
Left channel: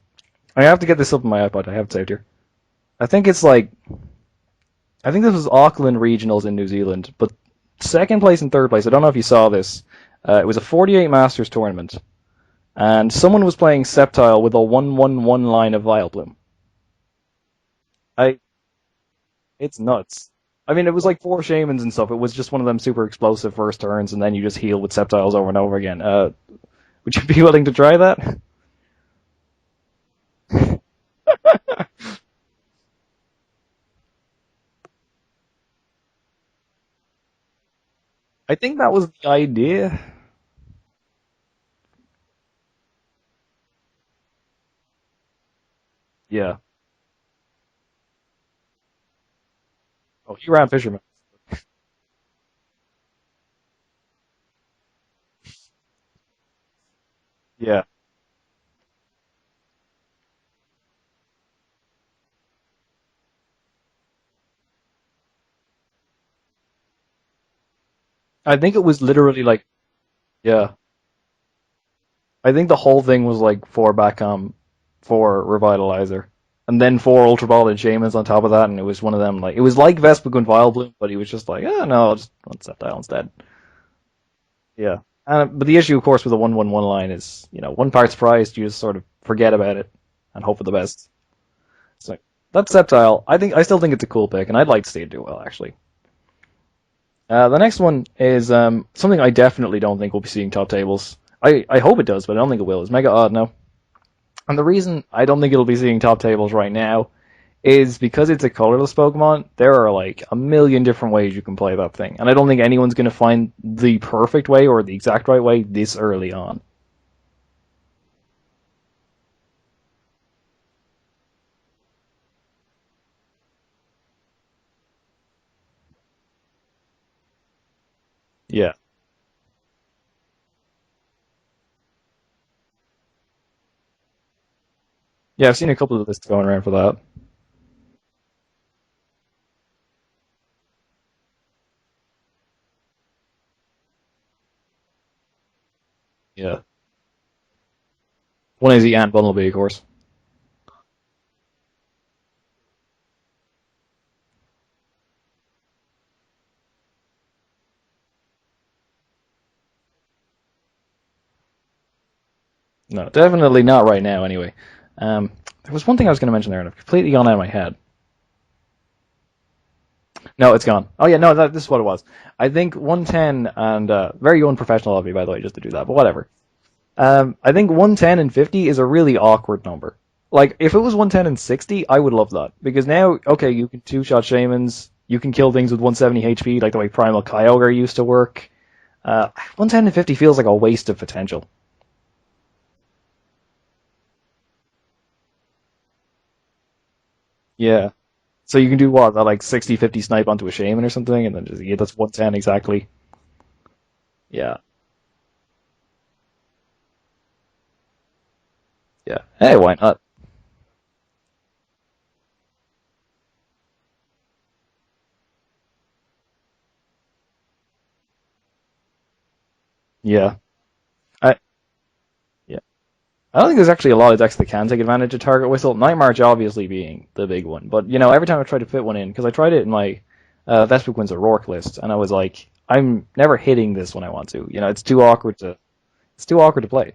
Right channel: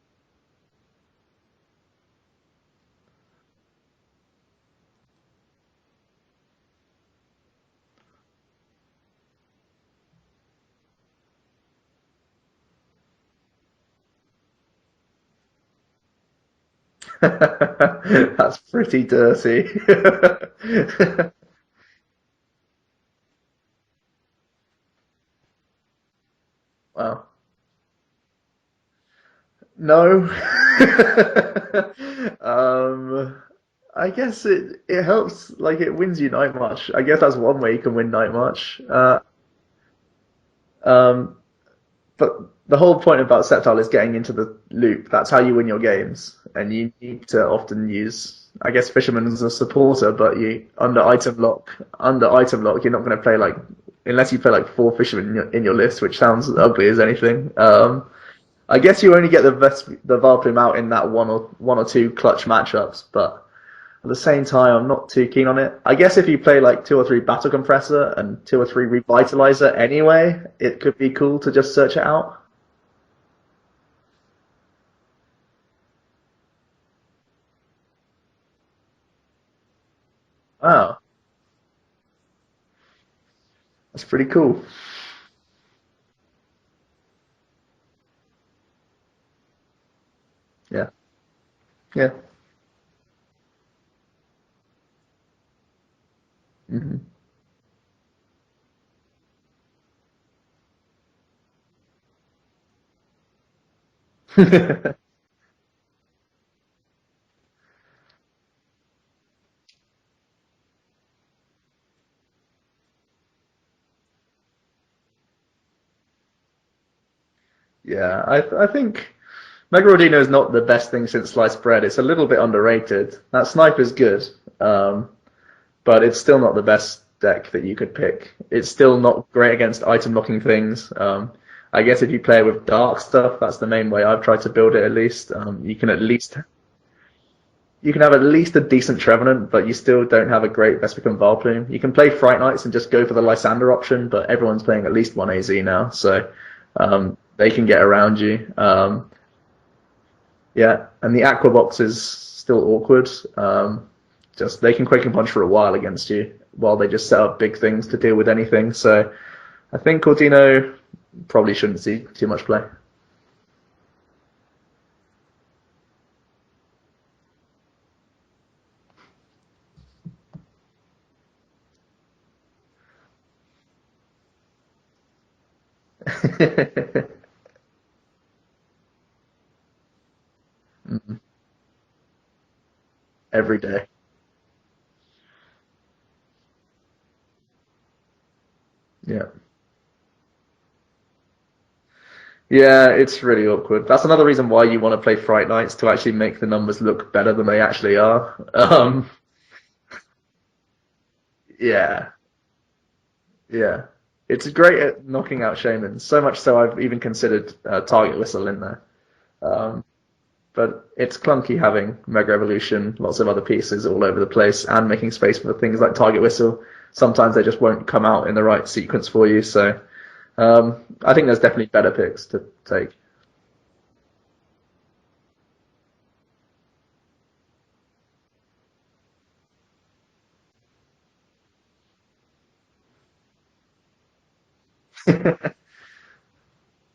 I have to get this up on my iPod, I have it saved here. I think this was Auckland Regionals in New Zealand, but second place and third place, I don't know if you saw this, it was a 48 Masters tournament, and someone was playing Sceptile with a 1-1-1 line of Vileplume. That's pretty dirty. It's nuts. I mean, it was like 4 Shamans and stuff. It was just one of them super explosive first turns, and then you just heal with Sceptiles over and over again. Would you be willing to try that? No. I guess it helps, like it wins you Night March. I guess that's one way you can win Night March. I think that was the idea. But the whole point about Sceptile is getting into the loop. That's how you win your games. Yeah. And you need to often use, I guess, Fisherman as a supporter, but Fisherman. under item lock, you're not going to play unless you play like 4 Fishermen in your list, which sounds ugly as anything. Yeah. I guess you only get the Vileplume out in that one or two clutch matchups, but at the same time, I'm not too keen on it. I guess if you play like 2 or 3 Battle Compressor and 2 or 3 Revitalizer anyway, it could be cool to just search it out. I think the whole thing was like 4 Backcom, 4 Revitalizer, and then 4 Ultra Ball and Shamans on top of that, and it was one of them, like, it was like Vespiquen Vileplume, but he was just like, no, I'll just want Sceptile instead. That's pretty cool. Yeah. But the issue, of course, with the 1-1-1 line is, one part surprised, you just sort of forget about it and hope for the best. Yeah. So, that's Sceptile. I still think it's a cool pick, and I'd like to see it do well, actually. Mm-hmm. The next one is something I definitely don't think we'll be seeing top tables. I hope it does, but I don't think it will. It's Mega Odd now. And the reason I don't think it'll be seeing top tables right now is because it's a colorless Pokemon. There are like a million different ways you can play that thing, and I don't think anyone's going to find the perfect way or the exact right way this early on. Yeah, I think Mega Rodino is not the best thing since sliced bread. It's a little bit underrated. That Sniper's good, but it's still not the best deck that you could pick. It's still not great against item locking things. I guess if you play with dark stuff, that's the main way I've tried to build it at least. I've seen a couple of lists going around for that. You can have at least a decent Trevenant, but you still don't have a great Vespiquen Vileplume. You can play Fright Knights and just go for the Lysander option, but everyone's playing at least 1 AZ now, so they can get around you. 1 AZ and Bumblebee, of course. Yeah, and the Aqua Box is still awkward. Just they can Quake and Punch for a while against you, while they just set up big things to deal with anything. So I think Cordino probably shouldn't see too much play. No, definitely not right now, anyway. There was one thing I was going to mention there, and I've completely gone out of my head. No, it's gone. Oh, yeah, no, this is what it was. I think 110, and very unprofessional of me, by the way, just to do that, but whatever. I think 110 and 50 is a really awkward number. Like, if it was 110 and 60, I would love that. Because now, okay, you have 2-shot Shamans, you can kill things with 170 HP, like the way Primal Kyogre used to work. 110 and 50 feels like a waste of potential. Yeah, it's really awkward. That's another reason why you want to play Fright Knights, to actually make the numbers look better than they actually are. So you can do what, like 60-50 snipe onto a Shaman or something, and then just it's 110 exactly. Yeah. It's great at knocking out Shamans, so much so I've even considered Target Whistle in there. Yeah. Hey, why not? But it's clunky having Mega Evolution, lots of other pieces all over the place, and making space for things like Target Whistle. Sometimes they just won't come out in the right sequence for you, so... Yeah. I think there's definitely better picks to take. I don't think there's actually a lot of decks that can take advantage of Target Whistle. Night March obviously being the big one, but every time I try to fit one in, because I tried it in my Vespiquen Rourke list, and I was like, I'm never hitting this when I want to. It's too awkward to play.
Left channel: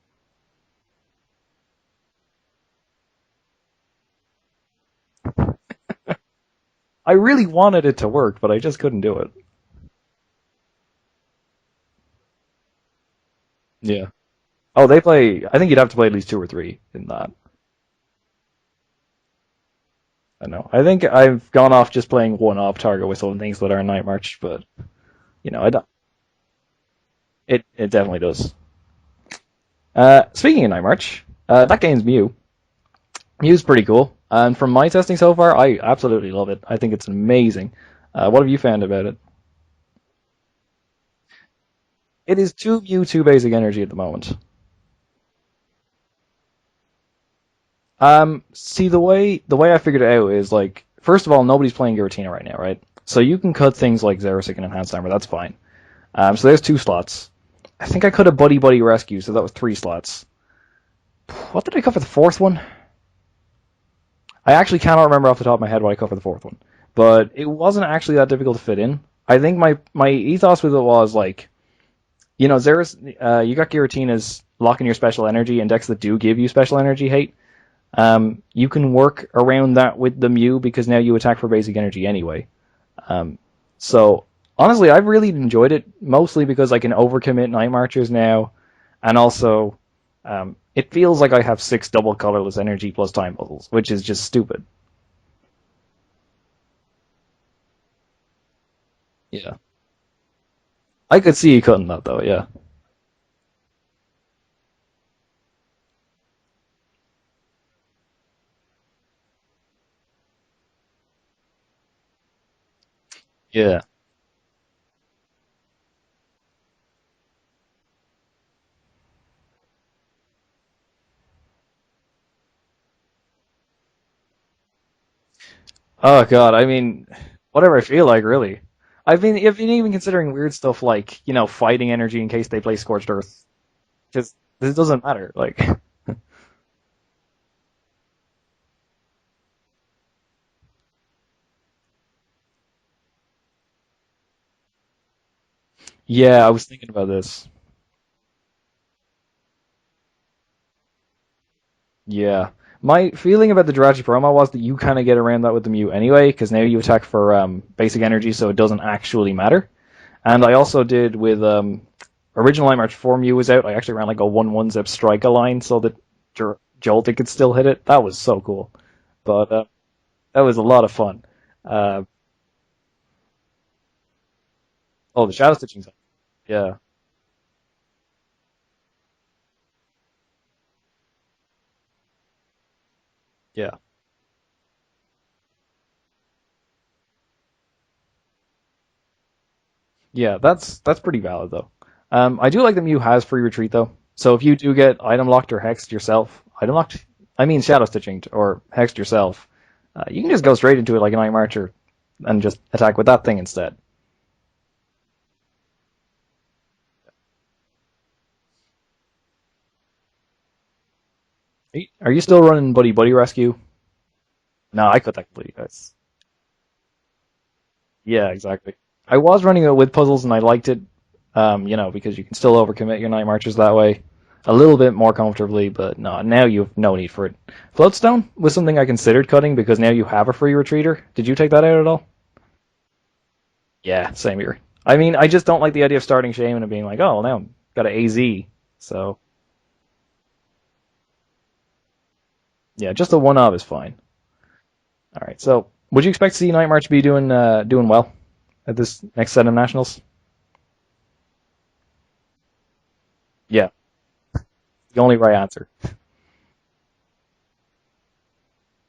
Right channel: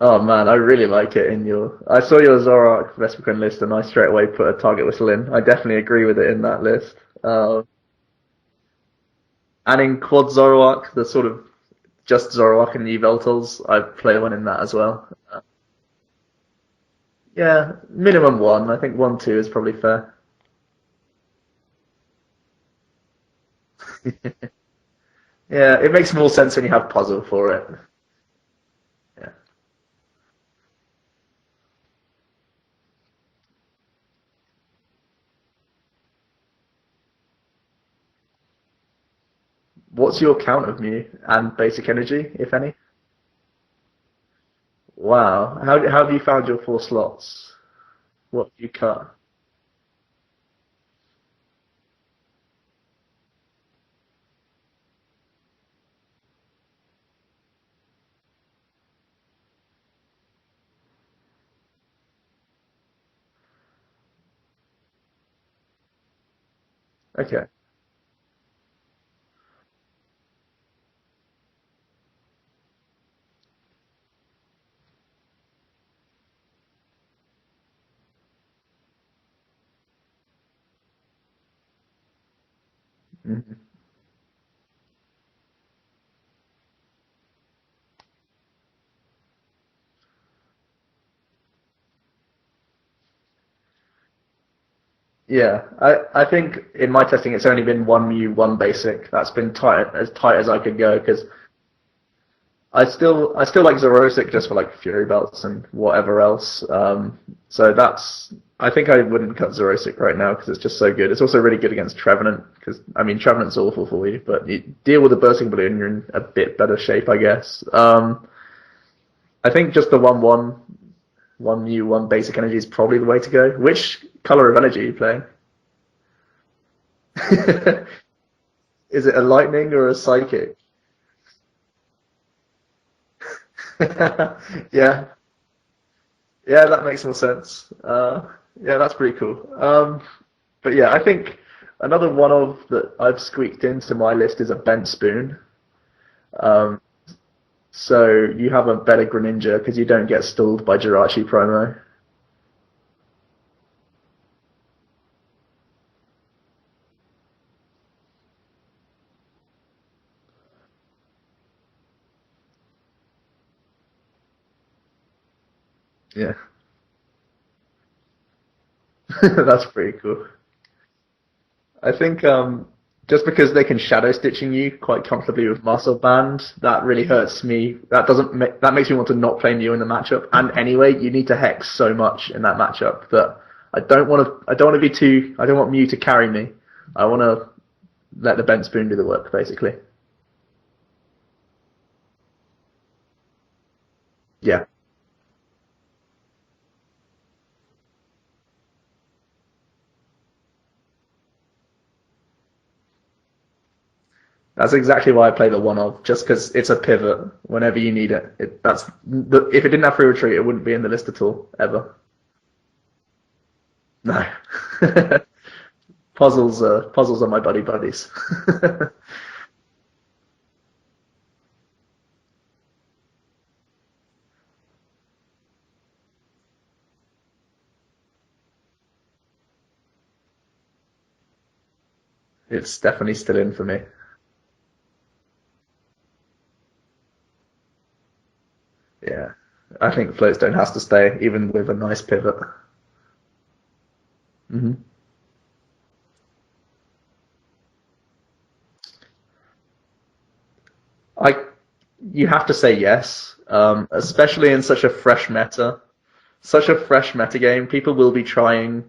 Oh man, I really like it in your. I saw your Zoroark Vespiquen list, and I straight away put a Target Whistle in. I definitely agree with it in that list. I really wanted it to work, but I just couldn't do it. And in Quad Zoroark, the sort of just Zoroark and Yveltals, I've played one in that as well. Oh, they play. I think you'd have to play at least 2 or 3 in that. Yeah, minimum 1. I think 1, 2 is probably fair. I know. I think I've gone off just playing one-off Target Whistle and things that are Night March, but it makes more sense when you have puzzle for it. It definitely does. Yeah. Speaking of Night March, that game's Mew. Mew's pretty cool, and from my testing so far, I absolutely love it. I think it's amazing. What have you found about it? What's your count of Mew and basic energy? It is 2 Mew, 2 basic energy at the moment. Wow. How have you found your 4 slots? See, the way I figured it out is, like, first of all, nobody's playing Giratina right now, right? So you can cut things like Xerosic and Enhanced Armor, that's fine. So there's 2 slots. I think I cut a Buddy Buddy Rescue, so that was 3 slots. What did I cut for the 4th one? I actually cannot remember off the top of my head what I cut for the 4th one. But It wasn't actually that difficult to fit in. I think my ethos with it was, like, you got Giratina's locking your special energy and decks that do give you special energy hate. You can work around that with the Mew because now you attack for basic energy anyway. So, honestly, I've really enjoyed it, mostly because I can overcommit Night Marchers now, and also it feels like I have 6 double colorless energy plus time puzzles, which is just stupid. Yeah, I think in my testing it's only been 1 Mew, 1 basic. That's been as tight as I could go. I could see you cutting that though, yeah. I still like Zerosic just for like Fury Belts and whatever else. So I think I wouldn't cut Zerosic right now because it's just so good. It's also really good against Trevenant because Trevenant's awful for you, but you deal with the Bursting Balloon, you're in a bit better shape, I guess. I think just the 1/1, 1 Mew, 1 basic energy is probably the way to go. Which color of energy are you playing? Oh god, I mean, whatever I feel like, really. Is it a lightning or a psychic? Weird stuff like, fighting energy in case they play Scorched Earth. This doesn't matter. Like. Yeah, that makes more sense. Yeah, that's pretty cool. But yeah, I think another one of that I've squeaked into my list is a Bent Spoon. Yeah, I was thinking about this. So you have a better Greninja because you don't get stalled by Jirachi promo. Yeah. My feeling about the Jirachi promo was that you kind of get around that with the Mew anyway, because now you attack for basic energy, so it doesn't actually matter. And I also did with original Night March before Mew was out, I actually ran like a 1/1 Zip Strike line so that Joltik could still hit it. That was so cool. But, that's pretty cool. That was a lot of fun. I think just because they can shadow stitching you quite comfortably with Muscle Band, that really hurts me. That makes me want to not play Mew in the matchup. And anyway, you need to hex so much in that matchup that I don't want Mew to carry me. I want to let the Bent Spoon do the work, basically. Yeah, that's pretty valid though. I do like that Mew has free retreat though. So if you do get item locked or hexed yourself, shadow stitching or hexed yourself, you can just go straight into it like a Night Marcher and just attack with that thing instead. That's exactly why I play the 1/of, just because it's a pivot whenever you need it. If it didn't have free retreat, it wouldn't be in the list at all, ever. Are you still running Buddy Buddy Rescue? No. No, I couldn't believe that. Puzzles are my buddies. Yeah, exactly. I was running it with puzzles and I liked it, because you can still overcommit your Night Marchers that way a little bit more comfortably, but no, now you have no need for it. Floatstone was something I considered cutting because now you have a free retreater. Did you take that out at all? It's definitely still in for me. Yeah, same here. I mean, I just don't like the idea of starting Shaman and being like, oh, now I've got an AZ. So yeah, I think Floatstone has to stay, even with a nice pivot. Yeah, just a 1/of is fine. Mm-hmm. All right, so would you expect to see Night March be doing well at this next set of Nationals? You have to say yes. Yeah. Especially in such a fresh meta. Such a fresh meta game. People will be trying,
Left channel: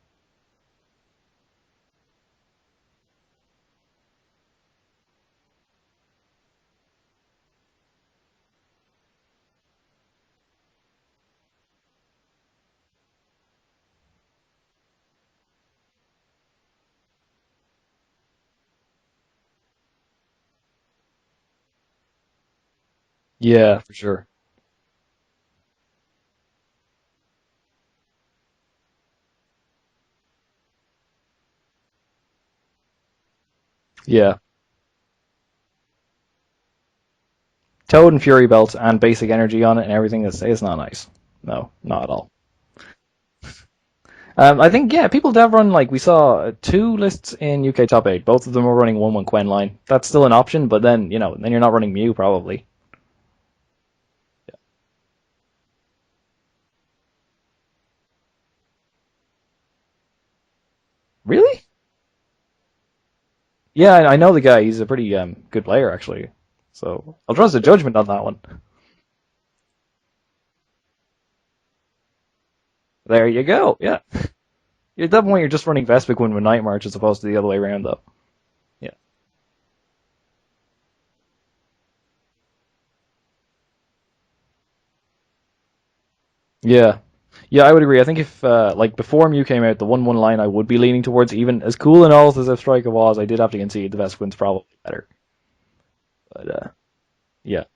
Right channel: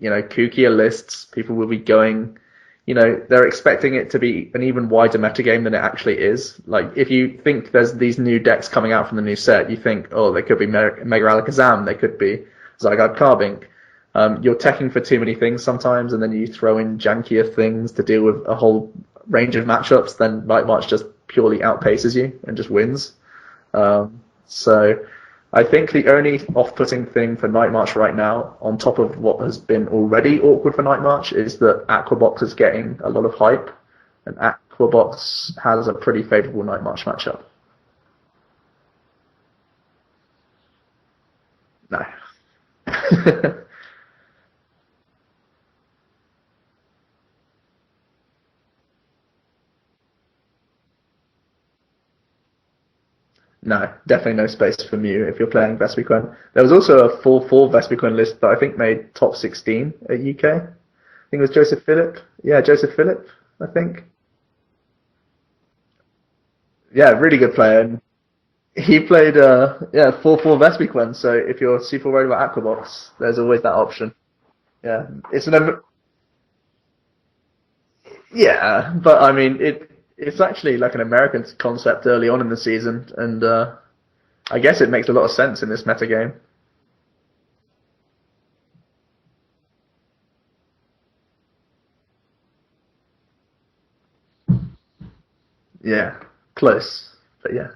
kookier lists. People will be going, they're expecting it to be an even wider meta game than it actually is. Like, if you think there's these new decks coming out from the new set, you think, oh, there could be Mega Alakazam, there could be Zygarde Carbink. You're teching for too many things sometimes, and then you throw in jankier things to deal with a whole range of matchups, then Night March just purely outpaces you and just wins. Yeah, sure. So I think the only off-putting thing for Night March right now, on top of what has been already awkward for Night March, is that Aquabox is getting a lot of hype. Yeah. Aquabox has a pretty favourable Night March matchup. Toad and Fury Belt and basic energy on it and everything is not nice. No, not at all. I think, yeah, people have run, like, we saw 2 lists in UK Top 8. Both of them were running 1-1 Quen line. That's still an option, but then, then you're not running Mew, probably. No, definitely no space for Mew if you're playing Vespiquen. There was also a 4-4 Vespiquen list that I think made top 16 at UK. Really? It was Joseph Phillip. Yeah, Joseph Phillip, I think. Yeah, I know the guy. He's a pretty good player, actually. So yeah, really good player. The judgment on that one. He played 4-4 Vespiquen, so if you're super worried about Aquabox, there's you go. That option. Yeah. At that point, you're just running Vespiquen with Night March as opposed to the other way around, though. Yeah, but I mean, it's actually like an American concept early on in the season, and I guess it makes a lot of sense in this meta game. Yeah. Yeah, I would agree. I think if, before Mew came out, the 1-1 line I would be leaning towards, even as cool and all as Striker was, I did have to concede the Vespiquen's probably better. Yeah, but, close. But yeah.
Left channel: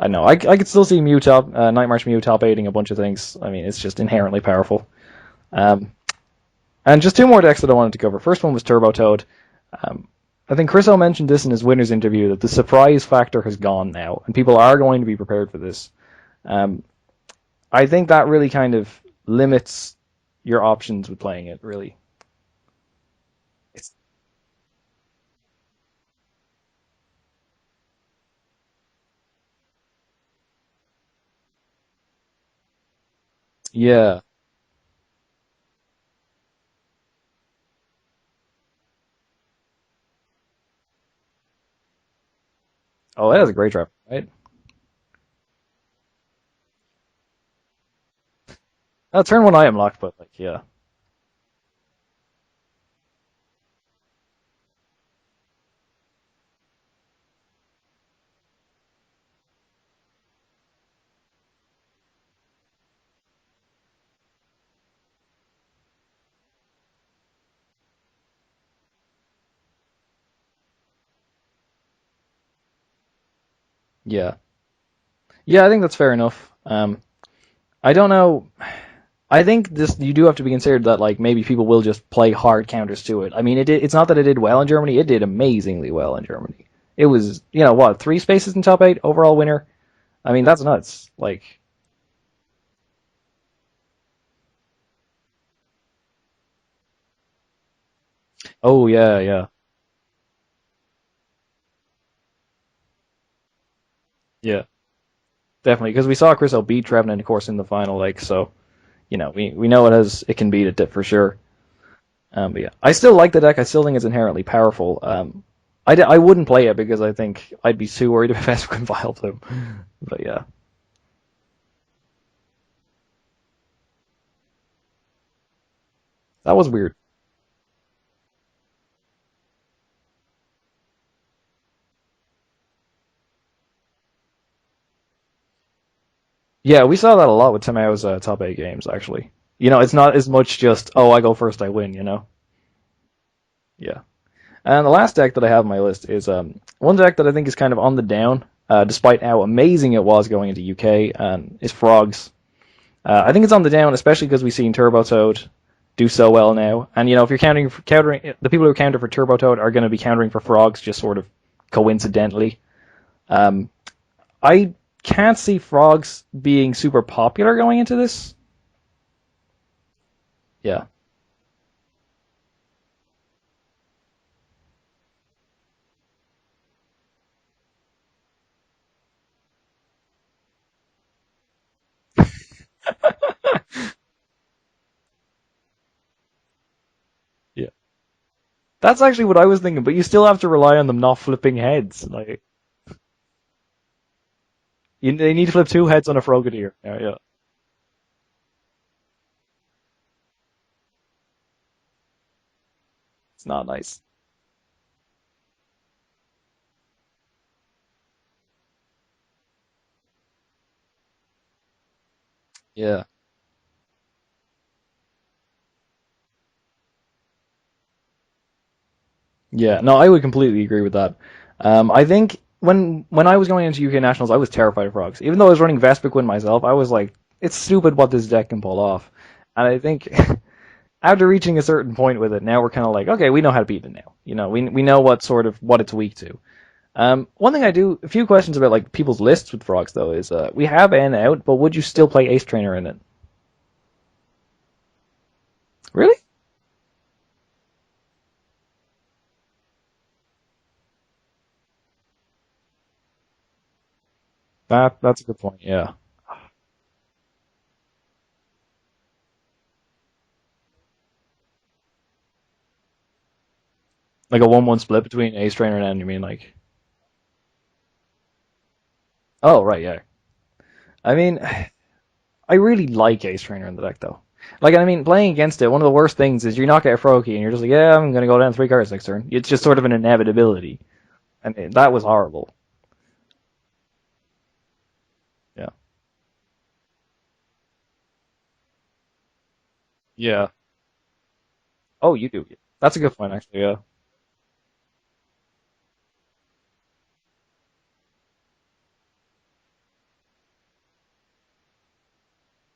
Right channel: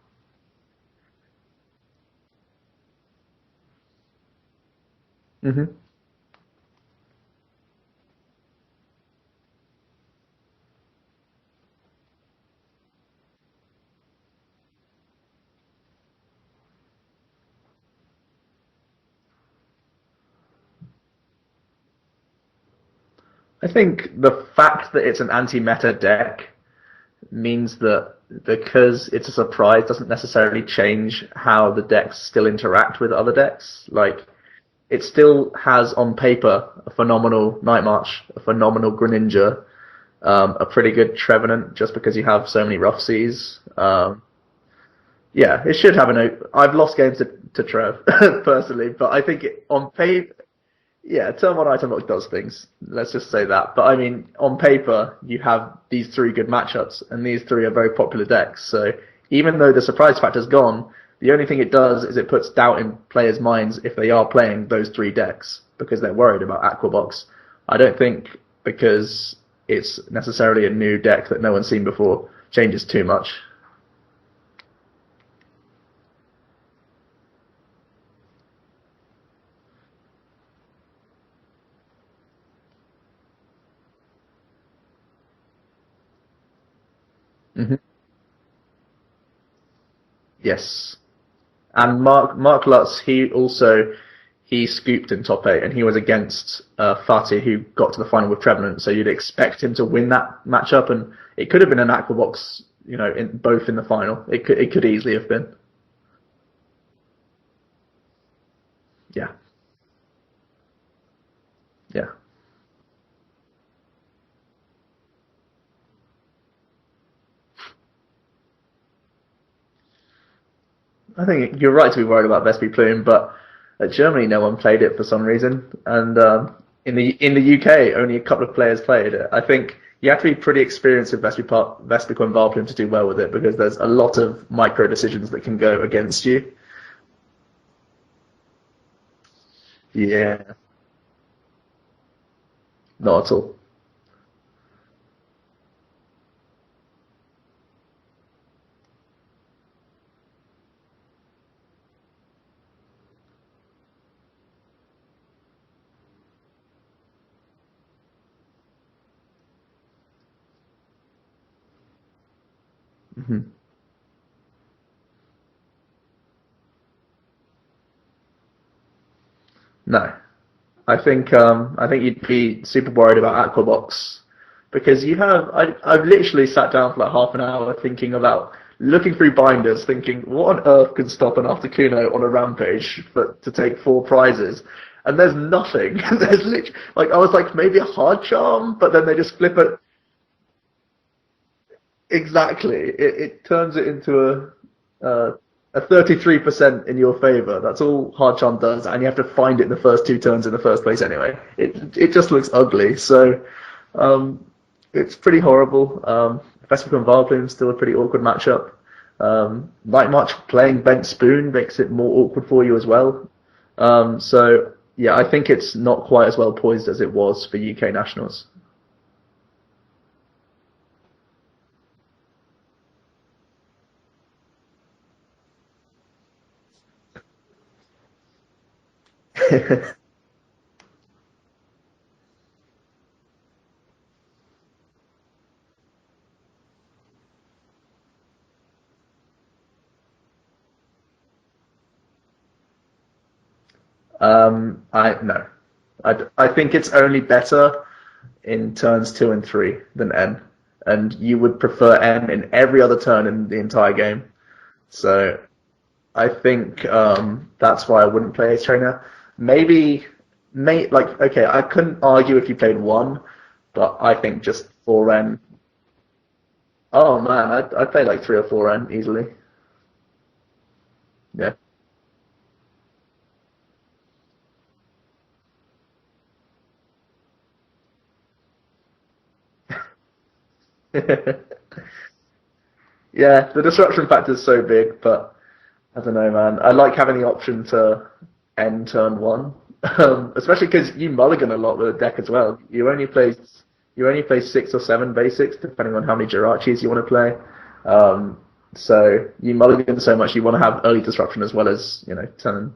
I know. I could still see Night March Mew top 8ing a bunch of things. I mean, it's just inherently powerful. Mm-hmm. And just 2 more decks that I wanted to cover. First one was Turbo Toad. I think Chris O mentioned this in his winner's interview, that the surprise factor has gone now, and people are going to be prepared for this. I think that really kind of limits your options with playing it, really. I think the fact that it's an anti-meta deck means that because it's a surprise doesn't necessarily change how the decks still interact with other decks. Yeah. Like, it still has on paper a phenomenal Night March, a phenomenal Greninja, a pretty good Trevenant, just because you have so many Rough Seas. Oh, that was a great draft. Right? Yeah, it should have I've lost games to Trev, personally, but I think turn 1 item on lock. Yeah, turn 1 item lock does things. Let's just say that. But I mean, on paper, you have these 3 good matchups, and these 3 are very popular decks. So even though the surprise factor's gone, the only thing it does is it puts doubt in players' minds if they are playing those 3 decks, because they're worried about Aquabox. I don't think because it's necessarily a new deck that no one's seen before changes too much. Yeah. Yeah, I think that's fair enough. I don't know. I think you do have to be considered that, like, maybe people will just play hard counters to it. I mean, it's not that it did well in Germany. It did amazingly well in Germany. It was, 3 spaces in top 8, overall winner. I mean, that's nuts. Like, and Mark Lutz, he scooped in top 8, and he was against Fatih, who got to the final with Trevenant. So you'd expect him to win that matchup, and it could have been an Aquabox, both in the final. It could easily have been. Definitely, because we saw Chris O beat Trevenant, of course, in the final, so we know it can beat it for sure. Yeah. But yeah, I still like the deck. I still think it's inherently powerful. I wouldn't play it because I think I'd be too worried about Vespiquen Vileplume. But yeah. I think you're right to be worried about Vespiquen, but at Germany no one played it for some reason, and that was weird. In the UK only a couple of players played it. I think you have to be pretty experienced with Vespiquen Vileplume to do well with it, because there's a lot of micro decisions that can go against you. Yeah, we saw that a lot with Tamao's top 8 games, actually. It's not as much just, I go first, I win, Not at all. Yeah. And the last deck that I have on my list is one deck that I think is kind of on the down, despite how amazing it was going into UK, is Frogs. I think it's on the down, especially because we've seen Turbo Toad do so well now. And, if you're countering, the people who counter for Turbo Toad are going to be countering for Frogs just sort of coincidentally. Mm-hmm. I can't see Frogs being super popular going into this. No. Yeah. I think you'd be super worried about Aquabox, because I've literally sat down for like half an hour looking through binders, thinking, what on earth can stop an Articuno on a rampage to take 4 prizes? And there's nothing. There's literally, I was like, maybe a hard charm. But that's actually what I was thinking, but you still have to rely on them not flipping heads. Exactly. It turns it into they need to flip 2 heads on a 33% in your favour. That's all hard charm does, and you have to find it in the first 2 turns in the first place anyway. It just looks ugly. So it's not nice. It's pretty horrible. Vespiquen Vileplume is still a pretty awkward matchup. Night March playing Bent Spoon makes it more awkward for you as well. So yeah, I think it's not quite as well poised as it was for UK nationals. Yeah, no, I would completely agree with that. I think when I was going into UK Nationals, I was terrified of frogs. Even though I was running Vespiquen myself, I was like, it's stupid what this deck can pull off. And I think after reaching a certain point with it, now we're kind of like, okay, we know how to beat it now. You know, we know what it's weak to. One thing a few questions about like people's lists with frogs though is we have N out, but would you still play Ace Trainer in it? No. Really? I think it's only better in turns 2 and 3 than N, and you would prefer N in every other turn in the entire game. That's a good point. Yeah. I think that's why I wouldn't play Ace Trainer. Okay, I couldn't argue if you played 1, but I think like a just 1-1 split 4 between Ace Trainer and N. You mean like? Oh man, I'd play like 3 or 4 N easily. Oh right, yeah. I mean, Yeah. I really like Ace Trainer in the deck though. Like, I mean, playing against it, one of the worst things is you knock out a Froakie and you're just like, yeah, I'm going to go down 3 cards next turn. It's just sort of an inevitability. And that was horrible. Yeah, the disruption factor is so big, but yeah. I don't know, man. I like having the option to end turn 1. Especially because you mulligan a lot with the deck as well. That's a good point, actually, yeah. You only play 6 or 7 basics, depending on how many Jirachis you want to play. So you mulligan so much, you want to have early disruption as well as, after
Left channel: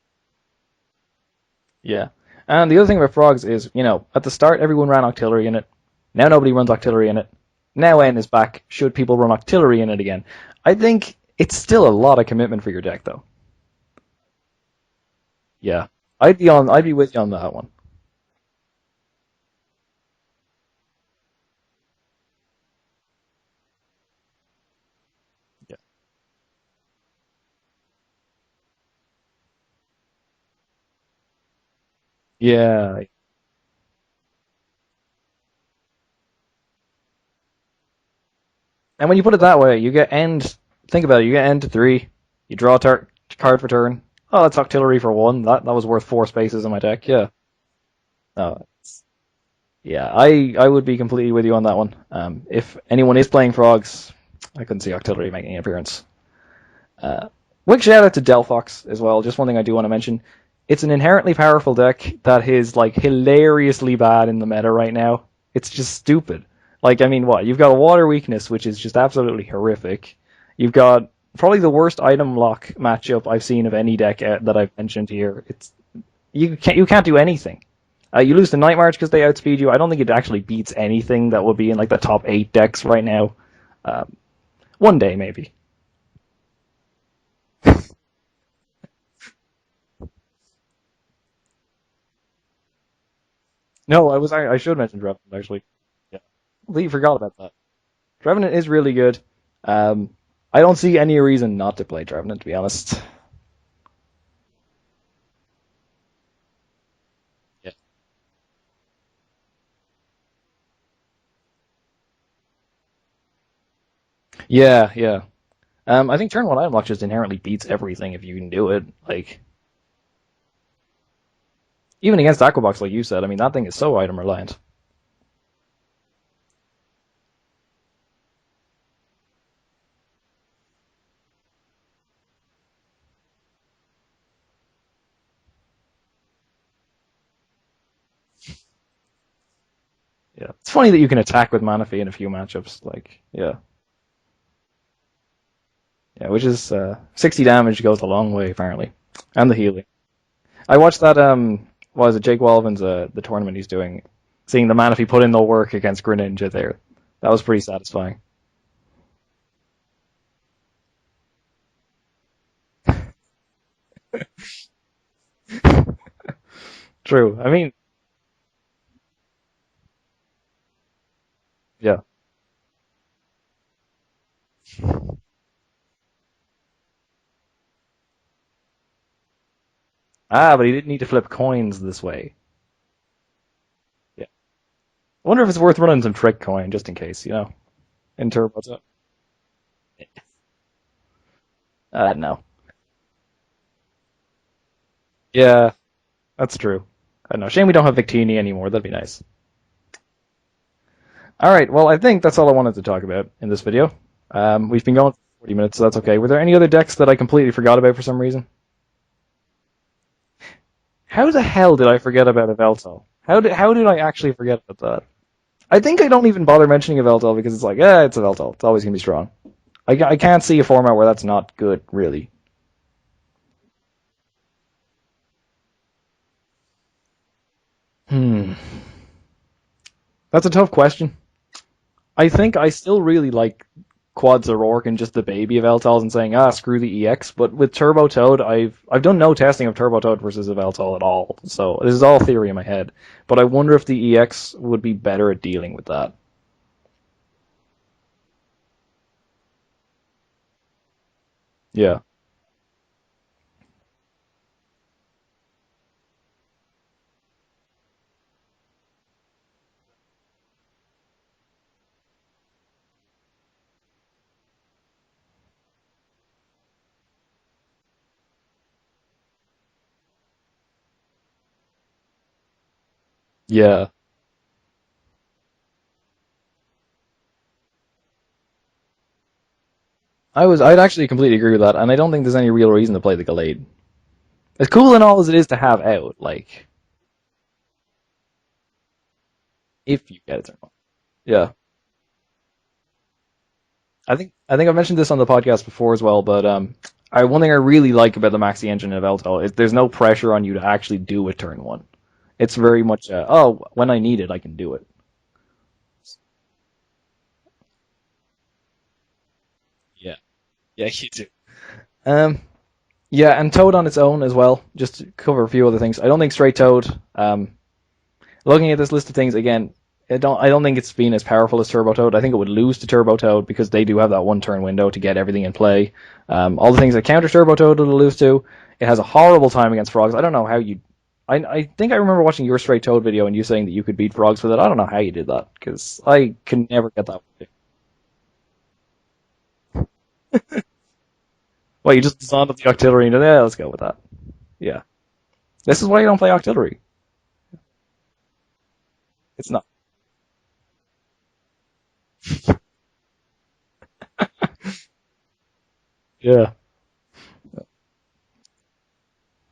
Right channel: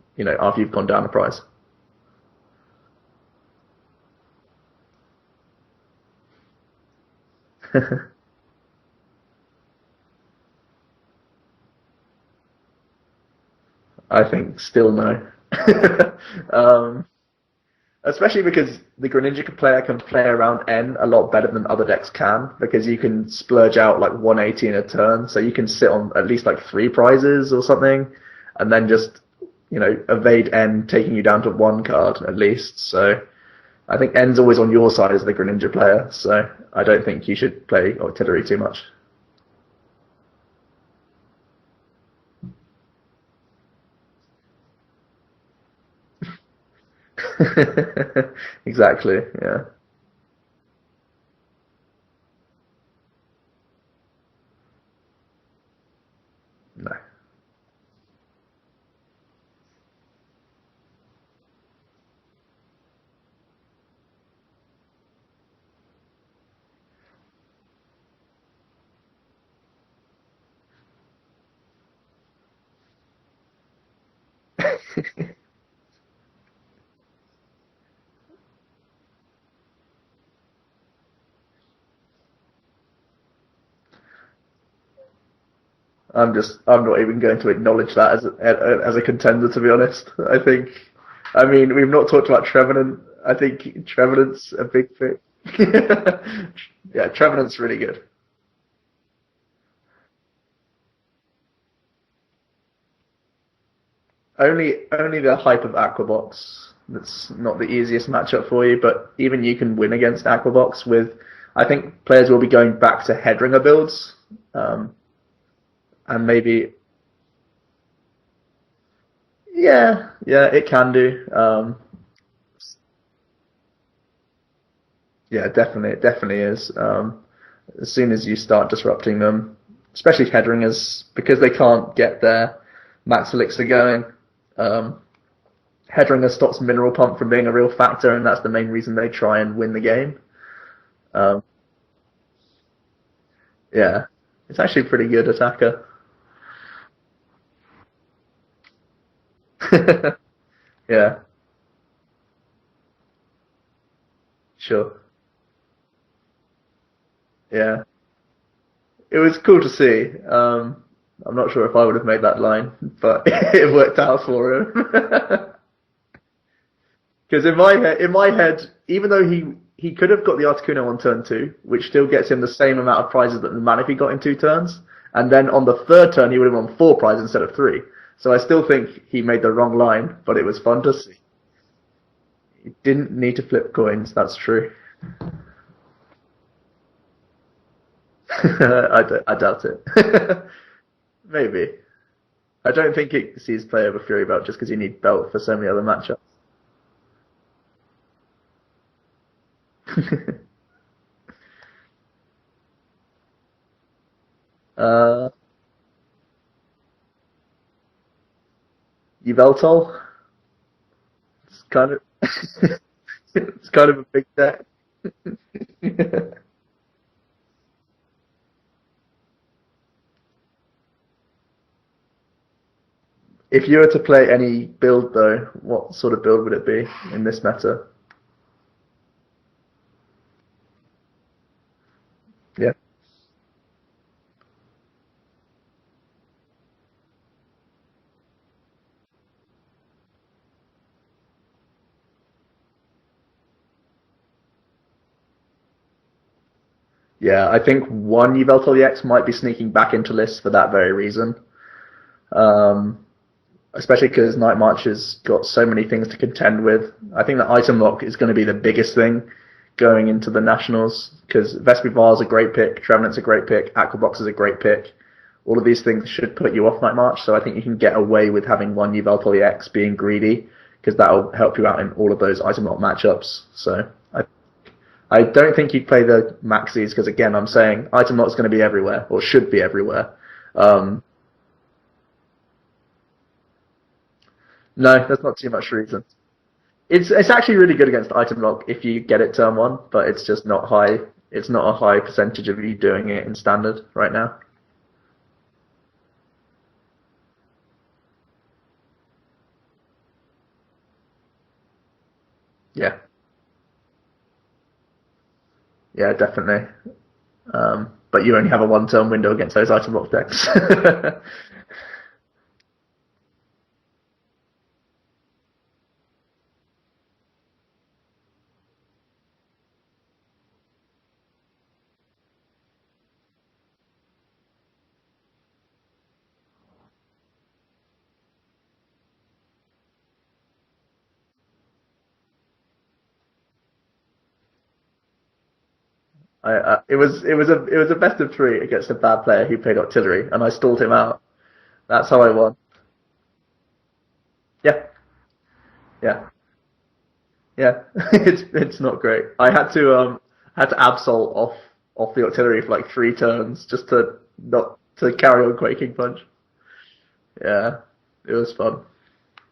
you've gone down the price. Yeah. And the other thing about frogs is, at the start everyone ran Octillery in it. Now nobody runs Octillery in it. Now N is back. Should people run Octillery in it again? I think it's still a lot of commitment for your deck, though. I think still no. Yeah. I'd be with you on that one. Especially because the Greninja player can play around N a lot better than other decks can, because you can splurge out like 180 in a turn, so you can sit on at least like 3 prizes or something, and then just, evade N, taking you down to 1 card at least. Yeah. So I think N's always on your side as the Greninja player, so I don't think you should play Octillery too much. And when you put it that way, you get N, think about it, you get N to 3, you draw a card for turn. Oh, that's Octillery for 1. That was worth 4 spaces in my deck, yeah. Exactly, yeah. Yeah, I would be completely with you on that one. If anyone is playing frogs, I couldn't see Octillery making an appearance. No. Quick shout out to Delphox as well. Just one thing I do want to mention. It's an inherently powerful deck that is like hilariously bad in the meta right now. It's just stupid. Like, I mean, what? You've got a water weakness, which is just absolutely horrific. You've got probably the worst item lock matchup I've seen of any deck that I've mentioned here. You can't do anything. You lose to Night March because they outspeed you. I don't think it actually beats anything that would be in like the top 8 decks right now. One day maybe. I'm not even going to acknowledge that as a contender, to be honest. I mean, we've not talked about Trevenant. I think Trevenant's I should mention that actually. Completely forgot. Trevenant's really good. Trevenant is really good. I don't see any reason not to play Trevenant, to be honest. Only the hype of Aquabox. That's not the easiest matchup for you, but even you can win against Aquabox with. I think players will be going back to Headringer builds. Yeah. I think maybe, turn 1 item lock just inherently beats everything if you can do it. Like. Yeah, it can do. Even against Aquabox, like you said, I mean that thing is so item reliant. Yeah, definitely, it definitely is. As soon as you start disrupting them, especially Headringers, because they can't get their max elixir going. Headringer stops Mineral Pump from being a real factor, and that's the main reason they try and win the game. Yeah. It's funny that you can attack with Manaphy in a few matchups. Like, yeah. Yeah, it's actually a pretty good attacker. Yeah, which is 60 damage goes a long way apparently, and the heal. I watched that. What was it? Jake Walvin's the tournament he's doing. Seeing the Manaphy put in the work against Greninja there, that was pretty satisfying. It was cool to see. I'm not sure if I would have made that line, but it worked out for him. True. Because in my head, even though he could have got the Articuno on turn 2, which still gets him the same amount of prizes that the Manaphy got in 2 turns, and then on the 3rd turn he would have won 4 prizes instead of 3. So I still think he made the wrong line. But he didn't need to flip coins this way. He didn't need to flip coins, that's true. I wonder if it's worth running some trick coin, just in case, I doubt it. Maybe. No. I don't think it sees play over Fury Belt just because you need Belt for so many other matchups. That's true. I don't know. Shame we don't have Victini anymore. That'd be nice. Alright, well, I think that's all I wanted to talk about in this video. We've been going for 40 minutes, so that's okay. Were there any other decks that I completely forgot about for some reason? Yveltal? How the hell did I forget about Yveltal? How did I actually forget about that? I think I don't even bother mentioning Yveltal because it's like, it's Yveltal. It's always going to be strong. I can't see a format where that's not good, really. If you were to play any build, though, what sort of build would it be in this meta? That's a tough question. I think I Yeah, still really like Quads O'Rourke and just the baby of Eltals and saying, screw the EX. But with Turbo Toad, I've done no testing of Turbo Toad versus Yveltal at all. So this is all theory in my head. But I wonder if the EX would be better at dealing with that. yeah. I think one Yveltal EX might be sneaking back into lists for that very reason. Yeah. Um, Especially because Night March has got so many things to contend with. I think the item lock is going to be the biggest thing going into the Nationals, because Vespivar is a great pick, Trevenant's a great pick, Aquabox is a great pick. All of these things should put you off Night March, so I think you can get away with having one Yveltal EX being greedy, because that'll help you out in all of those item lock matchups. Yeah. So I don't think you'd play the Maxis, because again, I'm saying item lock is going to be everywhere, or should be everywhere. I'd actually completely agree with that, and I don't think there's any real reason to play the Gallade. As cool No, and all there's as it not is too to much have reason. out, like It's actually really good against item lock if you get it turn one, if, but it's just not high. yeah. It's not a high percentage of you doing it in standard right now. I think I've mentioned this on the podcast before as well, but one thing I really like about the Maxi engine of Eltal is there's no pressure on you to actually do a turn one. It's very Yeah. much when I need it, I can do it. Yeah, definitely. But you only have a one-turn window against those item lock decks. Yeah, you do. Yeah, and Toad on its own as well. Just to cover a few other things. I don't think straight Toad. Looking at this list of things again, I don't think it's been as powerful as Turbo Toad. I think it would lose to Turbo Toad because they do have that one-turn window to get everything in play. All the things that counter Turbo Toad it'll lose to. It has a horrible time against frogs. I don't know how you. I think I remember watching your straight Toad video and you saying that you could beat frogs with it. I don't know how you did that because I can never. It was a best of three against a bad player who played artillery, and I stalled him out. Well, you That's just how I saw won. the artillery and yeah, let's go with that. Yeah, This is why you Yeah. don't play artillery. yeah. It's not great. I had to absol off the artillery for like 3 turns just to not to carry on Quaking Punch. Yeah. Yeah, it was fun.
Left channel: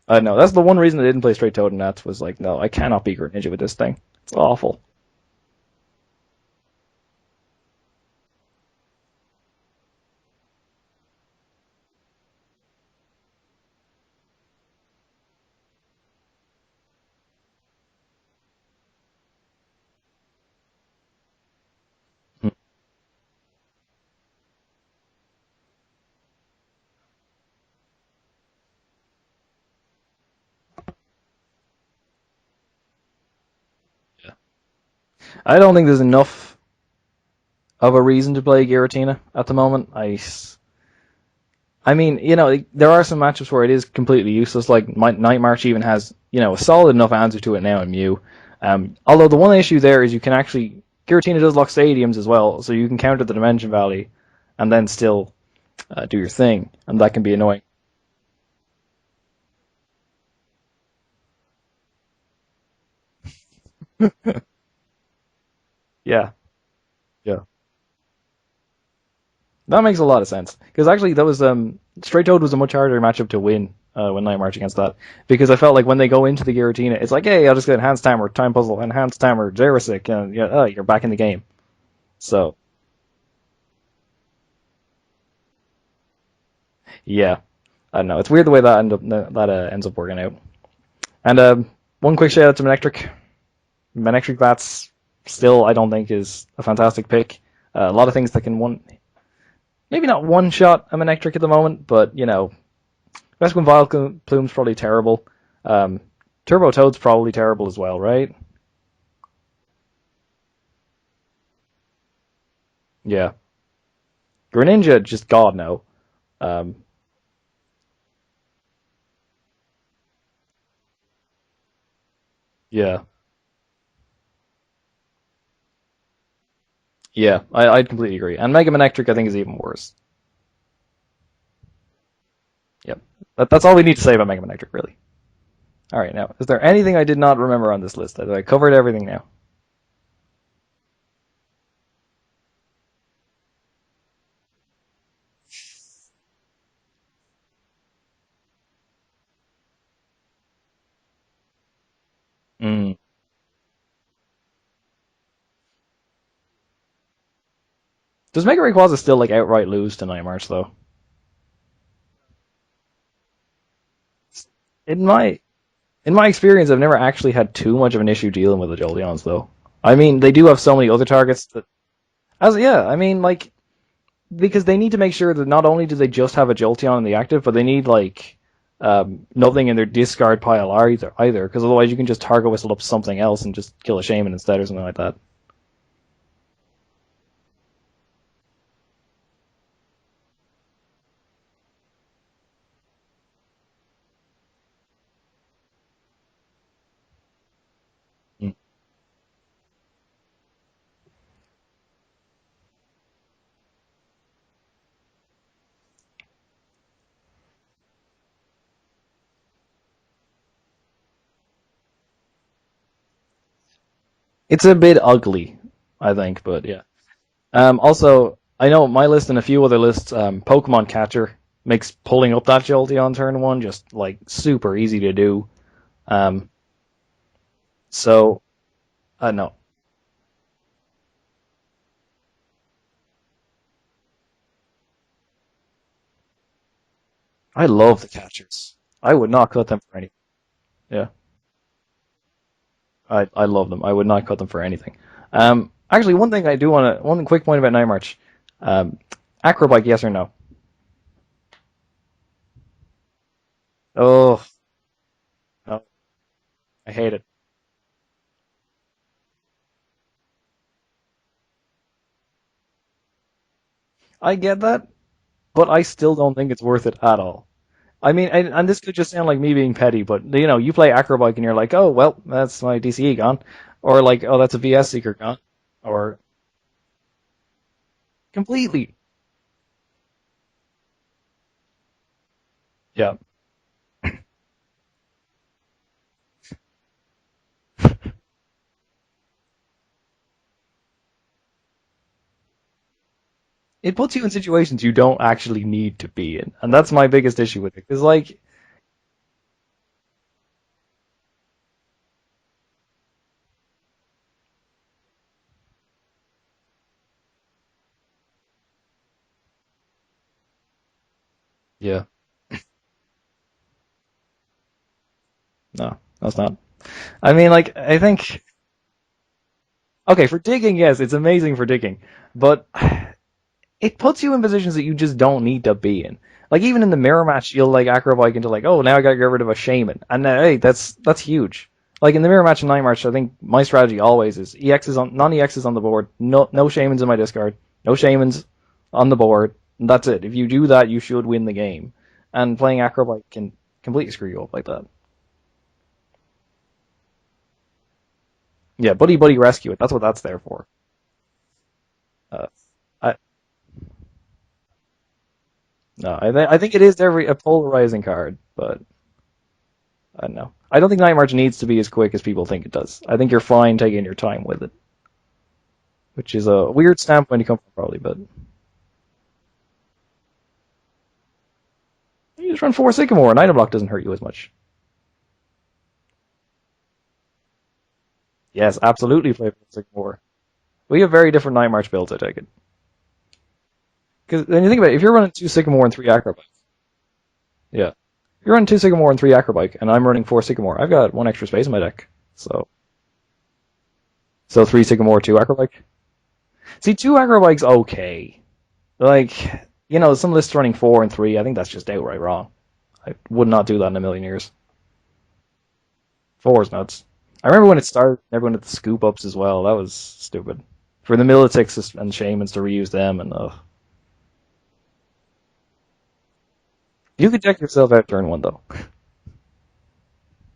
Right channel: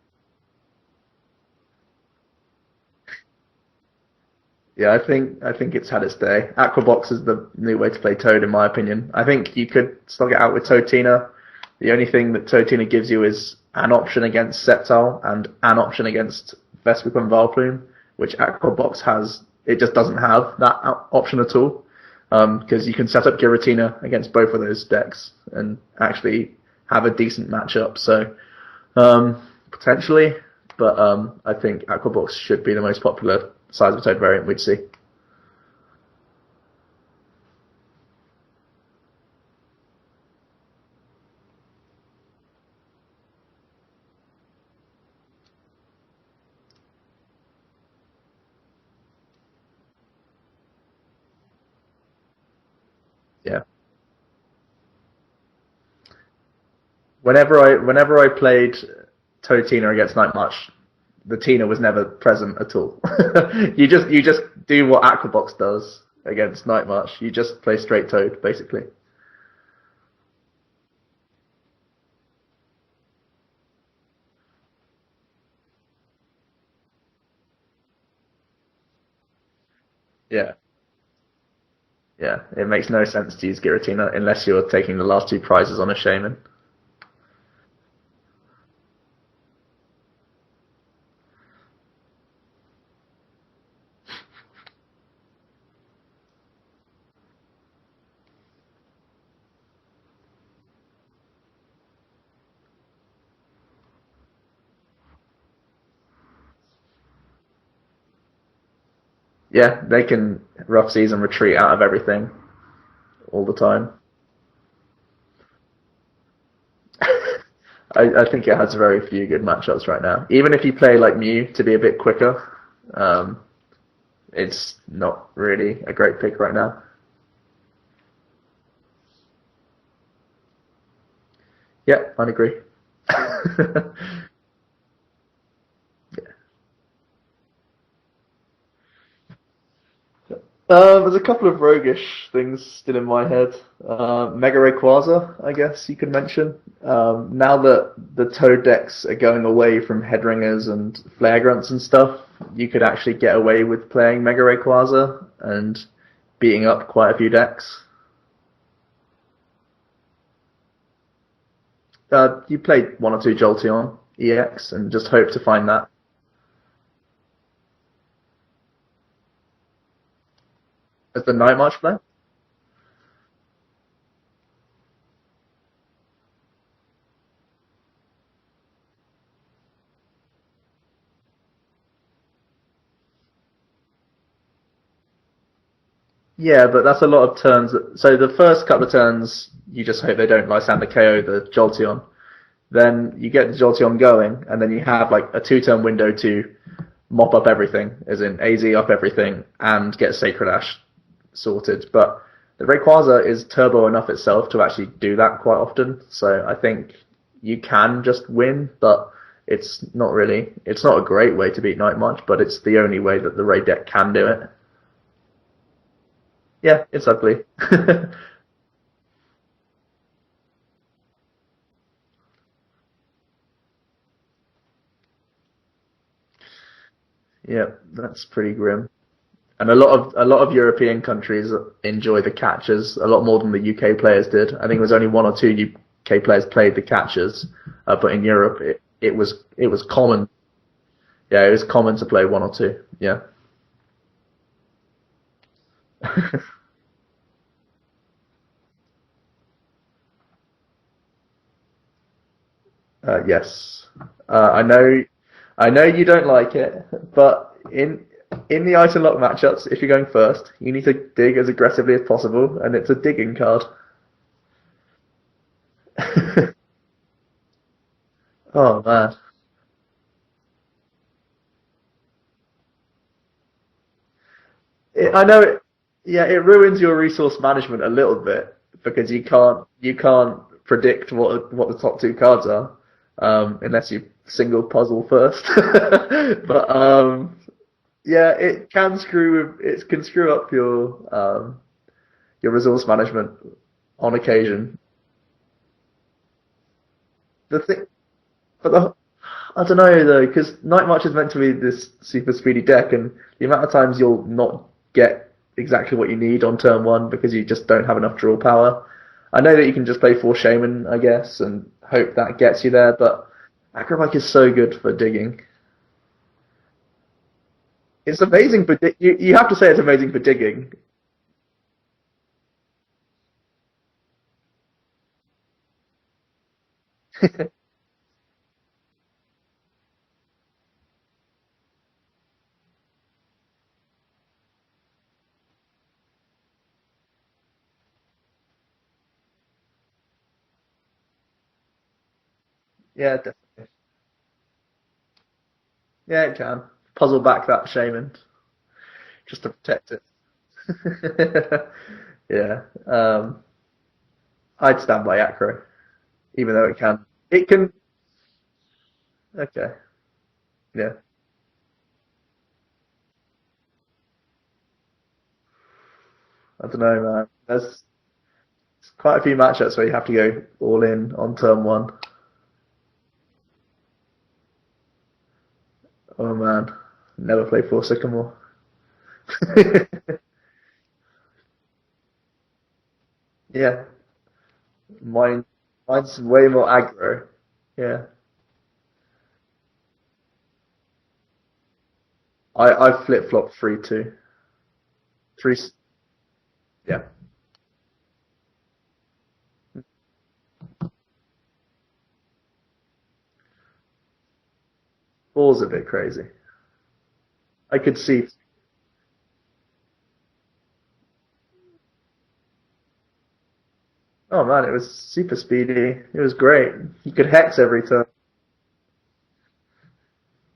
I know. That's the one reason I didn't play straight Toad and Nats was like, no, I cannot beat Greninja with this thing. It's awful. Yeah, I think it's had its day. Aquabox is the new way to play Toad, in my opinion. I think you could slug it out with Toadtina. The only thing that Toadtina gives you is an option against Sceptile and an option against Vespiquen and Vileplume, which Aquabox has. It just doesn't have that option at all. Because you can set up Giratina against both of those decks and actually have a decent matchup. So potentially, but I think Aquabox should be the most popular Seismic Toad variant we'd see. I don't think there's enough of a reason to play Giratina at the moment. I mean, there are some matchups where it is completely useless. Like Night March even has, a solid enough answer to it now in Mew. Although the one issue there is you can actually Giratina does lock stadiums as well, so you can counter the Dimension Valley, and then still do your thing, and that can be whenever I played Toadtina against Night March, the Tina was never present at all. you just do what Aquabox does against Night March. You just play straight Toad basically. That makes a lot of sense because actually that was straight Toad was a much harder matchup to win when Night March against that because I felt like when they go into the Giratina, it's like, hey, I'll just get Enhanced Timer, Time Puzzle, Enhanced Timer, Jarosic, and you're back in the game. Yeah, so it makes no sense to use Giratina unless you're taking the last 2 prizes on a Shaman. Yeah, I don't know. It's weird the way that ends up working out. And one quick shout out to Manectric. Manectric Bats still, I don't think, is a fantastic pick. A lot of things that can maybe not one-shot a Manectric at the moment, but, Vespiquen Vileplume's probably terrible. Turbo Toad's probably terrible as well, right? Yeah, they can rough season retreat out of everything. Yeah. All the time. Greninja, just God, no. I think it has very few good matchups right now. Even if you play like Mew to be a bit quicker, it's not really a great pick right now. Yeah, I'd completely agree. And Mega Manectric, I think, is even worse. Yeah, I'd agree. Yep. That's all we need to say about Mega Manectric, really. All right, now, is there anything I did not remember on this list? I covered everything now. There's a couple of roguish things still in my head. Mega Rayquaza, I guess you could mention. Now that the Toad decks are going away from Headringers and Flare Grunts and stuff, you could actually get away with playing Mega Rayquaza and beating up quite a few decks. Does Mega Rayquaza still like outright lose to Night March though? You played one or two Jolteon EX and In just my hope to find that. in my experience, I've never actually had too much of an issue dealing with the Jolteons though. I mean, they do have so many other The targets. Night March play? I mean, like, because they need to make sure that not only do they just have a Jolteon in the active, but they need like nothing in their discard pile either. Because otherwise, you can just target whistle up something else and just kill a Shaman instead or something like that. Yeah, but that's a lot of turns. So the first couple of turns, you just hope they don't Lysander KO the Jolteon. Then you get the Jolteon going, and then you have like a 2-turn window to mop up everything, as in AZ up everything, and get Sacred Ash sorted. But the Rayquaza is turbo enough itself to actually do that quite often. So I think you can just win, but it's not a great way to beat Night March, but it's the only way that the Ray deck can do it. It's a bit ugly, I think, but yeah, it's ugly. Also, I know my list and a few other lists, Pokemon Catcher makes pulling up that Jolteon turn 1 just like super easy to do. Yeah, that's so pretty grim. No. And a lot of European countries enjoy the catchers a lot more than the UK players did. I think it was only 1 or 2 UK players played the catchers. I love but in Europe, I would not cut them. It was common. Yeah. Yeah, it was common to play 1 or 2. Yeah. I love them. I would not cut them for anything. Actually, one thing I do want to, one quick point about Night March. Acrobike, yes or no? Yes. Oh. I know you don't like it. I hate it. But in the item lock matchups, if you're going first, you need to dig as aggressively as possible, and it's a digging card. I get that, but I still don't think it's worth it at all. I mean, and this could just sound like me being petty, but you play Acrobike and you're like, oh well, that's my DCE gone, or like, oh, that's a VS secret. I know it. Or it ruins your resource management a little bit completely because you can't predict what the top 2 cards are. Yeah. Unless you single puzzle first. But it can screw up your resource management. It puts you in situations you don't actually need to be in, and that's my biggest issue with it. Is like, but I don't know though, because Night March is meant to be this super speedy deck, and the amount of times you'll not get exactly what you need on turn 1 because you just don't have enough draw power. I know that you can just play 4 Shaman, I guess, and hope that gets you there, but Acrobike is so good for digging. No, that's not. I mean, like, I think it's amazing for you have to say it's amazing for digging. Okay, for digging, yes, it's amazing for digging, but it puts you in positions that you just don't need to be in. Like, even in the mirror match, you'll like Acrobike into like, oh, now I gotta get rid of a Shaman, and hey, that's huge. Like in the mirror match and Night March, I think my strategy always is non-EXs on the board, no Shamans in my discard, no Shamans on the board, and that's it. If you do that, you should win the game. And playing Acrobike can completely screw you up like that. Yeah, it can. Puzzle back that Shaman. Yeah, Buddy Rescue, that's what that's there for. Yeah. I'd stand by Acro. No, I think it is a polarizing card, but... Okay. I don't know. I don't think Night March needs to be as quick as people think it does. I think you're fine taking your time with it. Which is a weird standpoint to come from, probably, but... There's quite a few matchups where you have to go all in on turn 1. You just run 4 Sycamore, and Item Block doesn't hurt you as much. Oh man, never play 4 Sycamore. Yes, absolutely play 4 Sycamore. We have very different Night March builds, I take it. Yeah. Because when you think about it, if you're running 2 Sycamore and 3 Acrobike... way more aggro. Yeah. You're running 2 Sycamore and 3 Acrobike, and I'm running 4 Sycamore. I've got 1 extra space in my deck. So I flip-flop 3 too. So 3 Sycamore, 2 Acrobike? See, 2 Acrobike's okay. Like, some lists running 4 and 3, I think that's just outright wrong. I would not do that in a million years. 4's a bit crazy. 4's nuts. I remember when it started, everyone had the scoop ups as well. That was stupid. For the Militics and Shamans to reuse them, and oh man, it was super speedy. It was great. You could hex every turn. Out turn 1 though.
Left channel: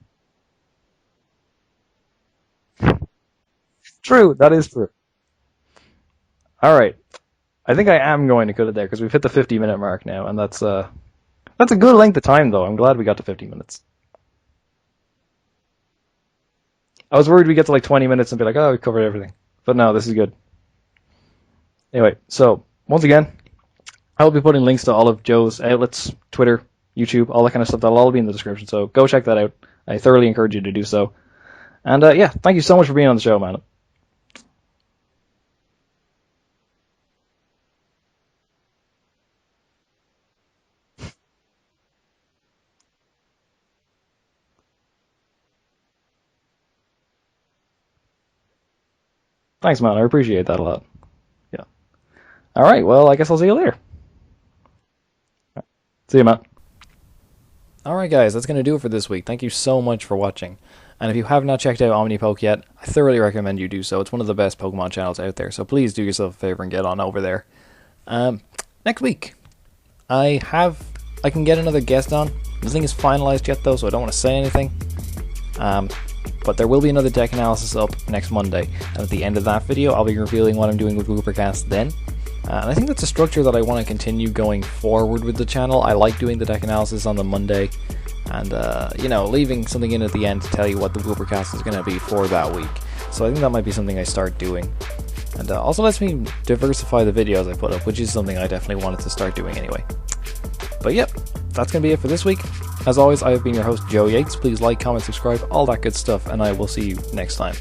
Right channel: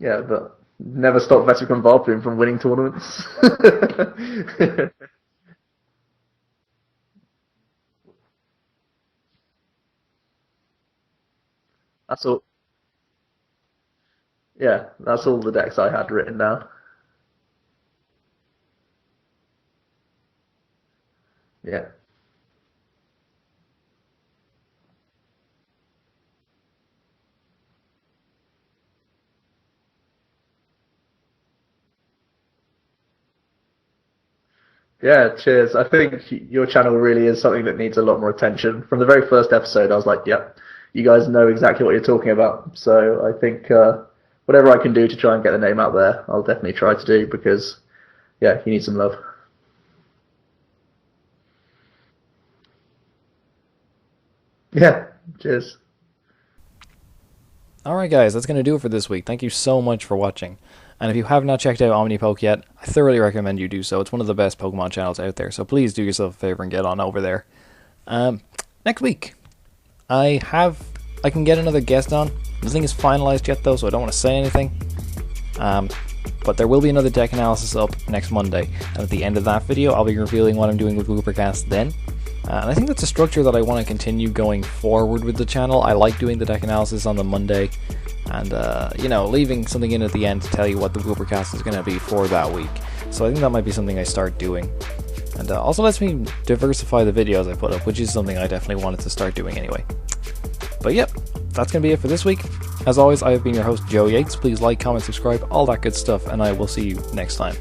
Yeah, but never stop Veteran Valplume from winning tournaments. True, that is true. All right, I think I am going to cut it there because we've hit the 50-minute mark now, and that's a good length of time though. I'm glad we got to 50 minutes. Yeah, that's all the decks I had written down. I was worried we'd get to like 20 minutes and be like, oh, we covered everything. But no, this is good. Yeah. Anyway, so once again, I'll be putting links to all of Joe's outlets, Twitter, YouTube, all that kind of stuff. That'll all be in the description. So go check that out. I thoroughly encourage you to do so. And yeah, thank you so much for being on the show, man. Yeah, cheers. I think your channel really is something that needs a lot more attention. From the very first episode, I was like, yep, you guys know exactly what you're talking about. So I think whatever I can do to try and get the name out there, I'll definitely try to do because, yeah, you need some love. Thanks, man. I appreciate that a lot. Yeah. All right. Well, I guess I'll see you later. Yeah, cheers. See you, man. Alright guys, that's going to do it for this week. Thank you so much for watching. And if you have not checked out Omnipoke yet, I thoroughly recommend you do so. It's one of the best Pokemon channels out there, so please do yourself a favour and get on over there. Next week, I can get another guest on. Nothing is finalised yet though, so I don't want to say anything. But there will be another deck analysis up next Monday, and at the end of that video, I'll be revealing what I'm doing with Woopercast then. And I think that's a structure that I want to continue going forward with the channel. I like doing the deck analysis on the Monday, and leaving something in at the end to tell you what the Woopercast is going to be for that week. So I think that might be something I start doing. And also lets me diversify the videos I put up, which is something I definitely wanted to start doing anyway. But yep, that's going to be it for this week. As always, I have been your host, Joe Yates. Please like, comment, subscribe, all that good stuff, and I will see you next time.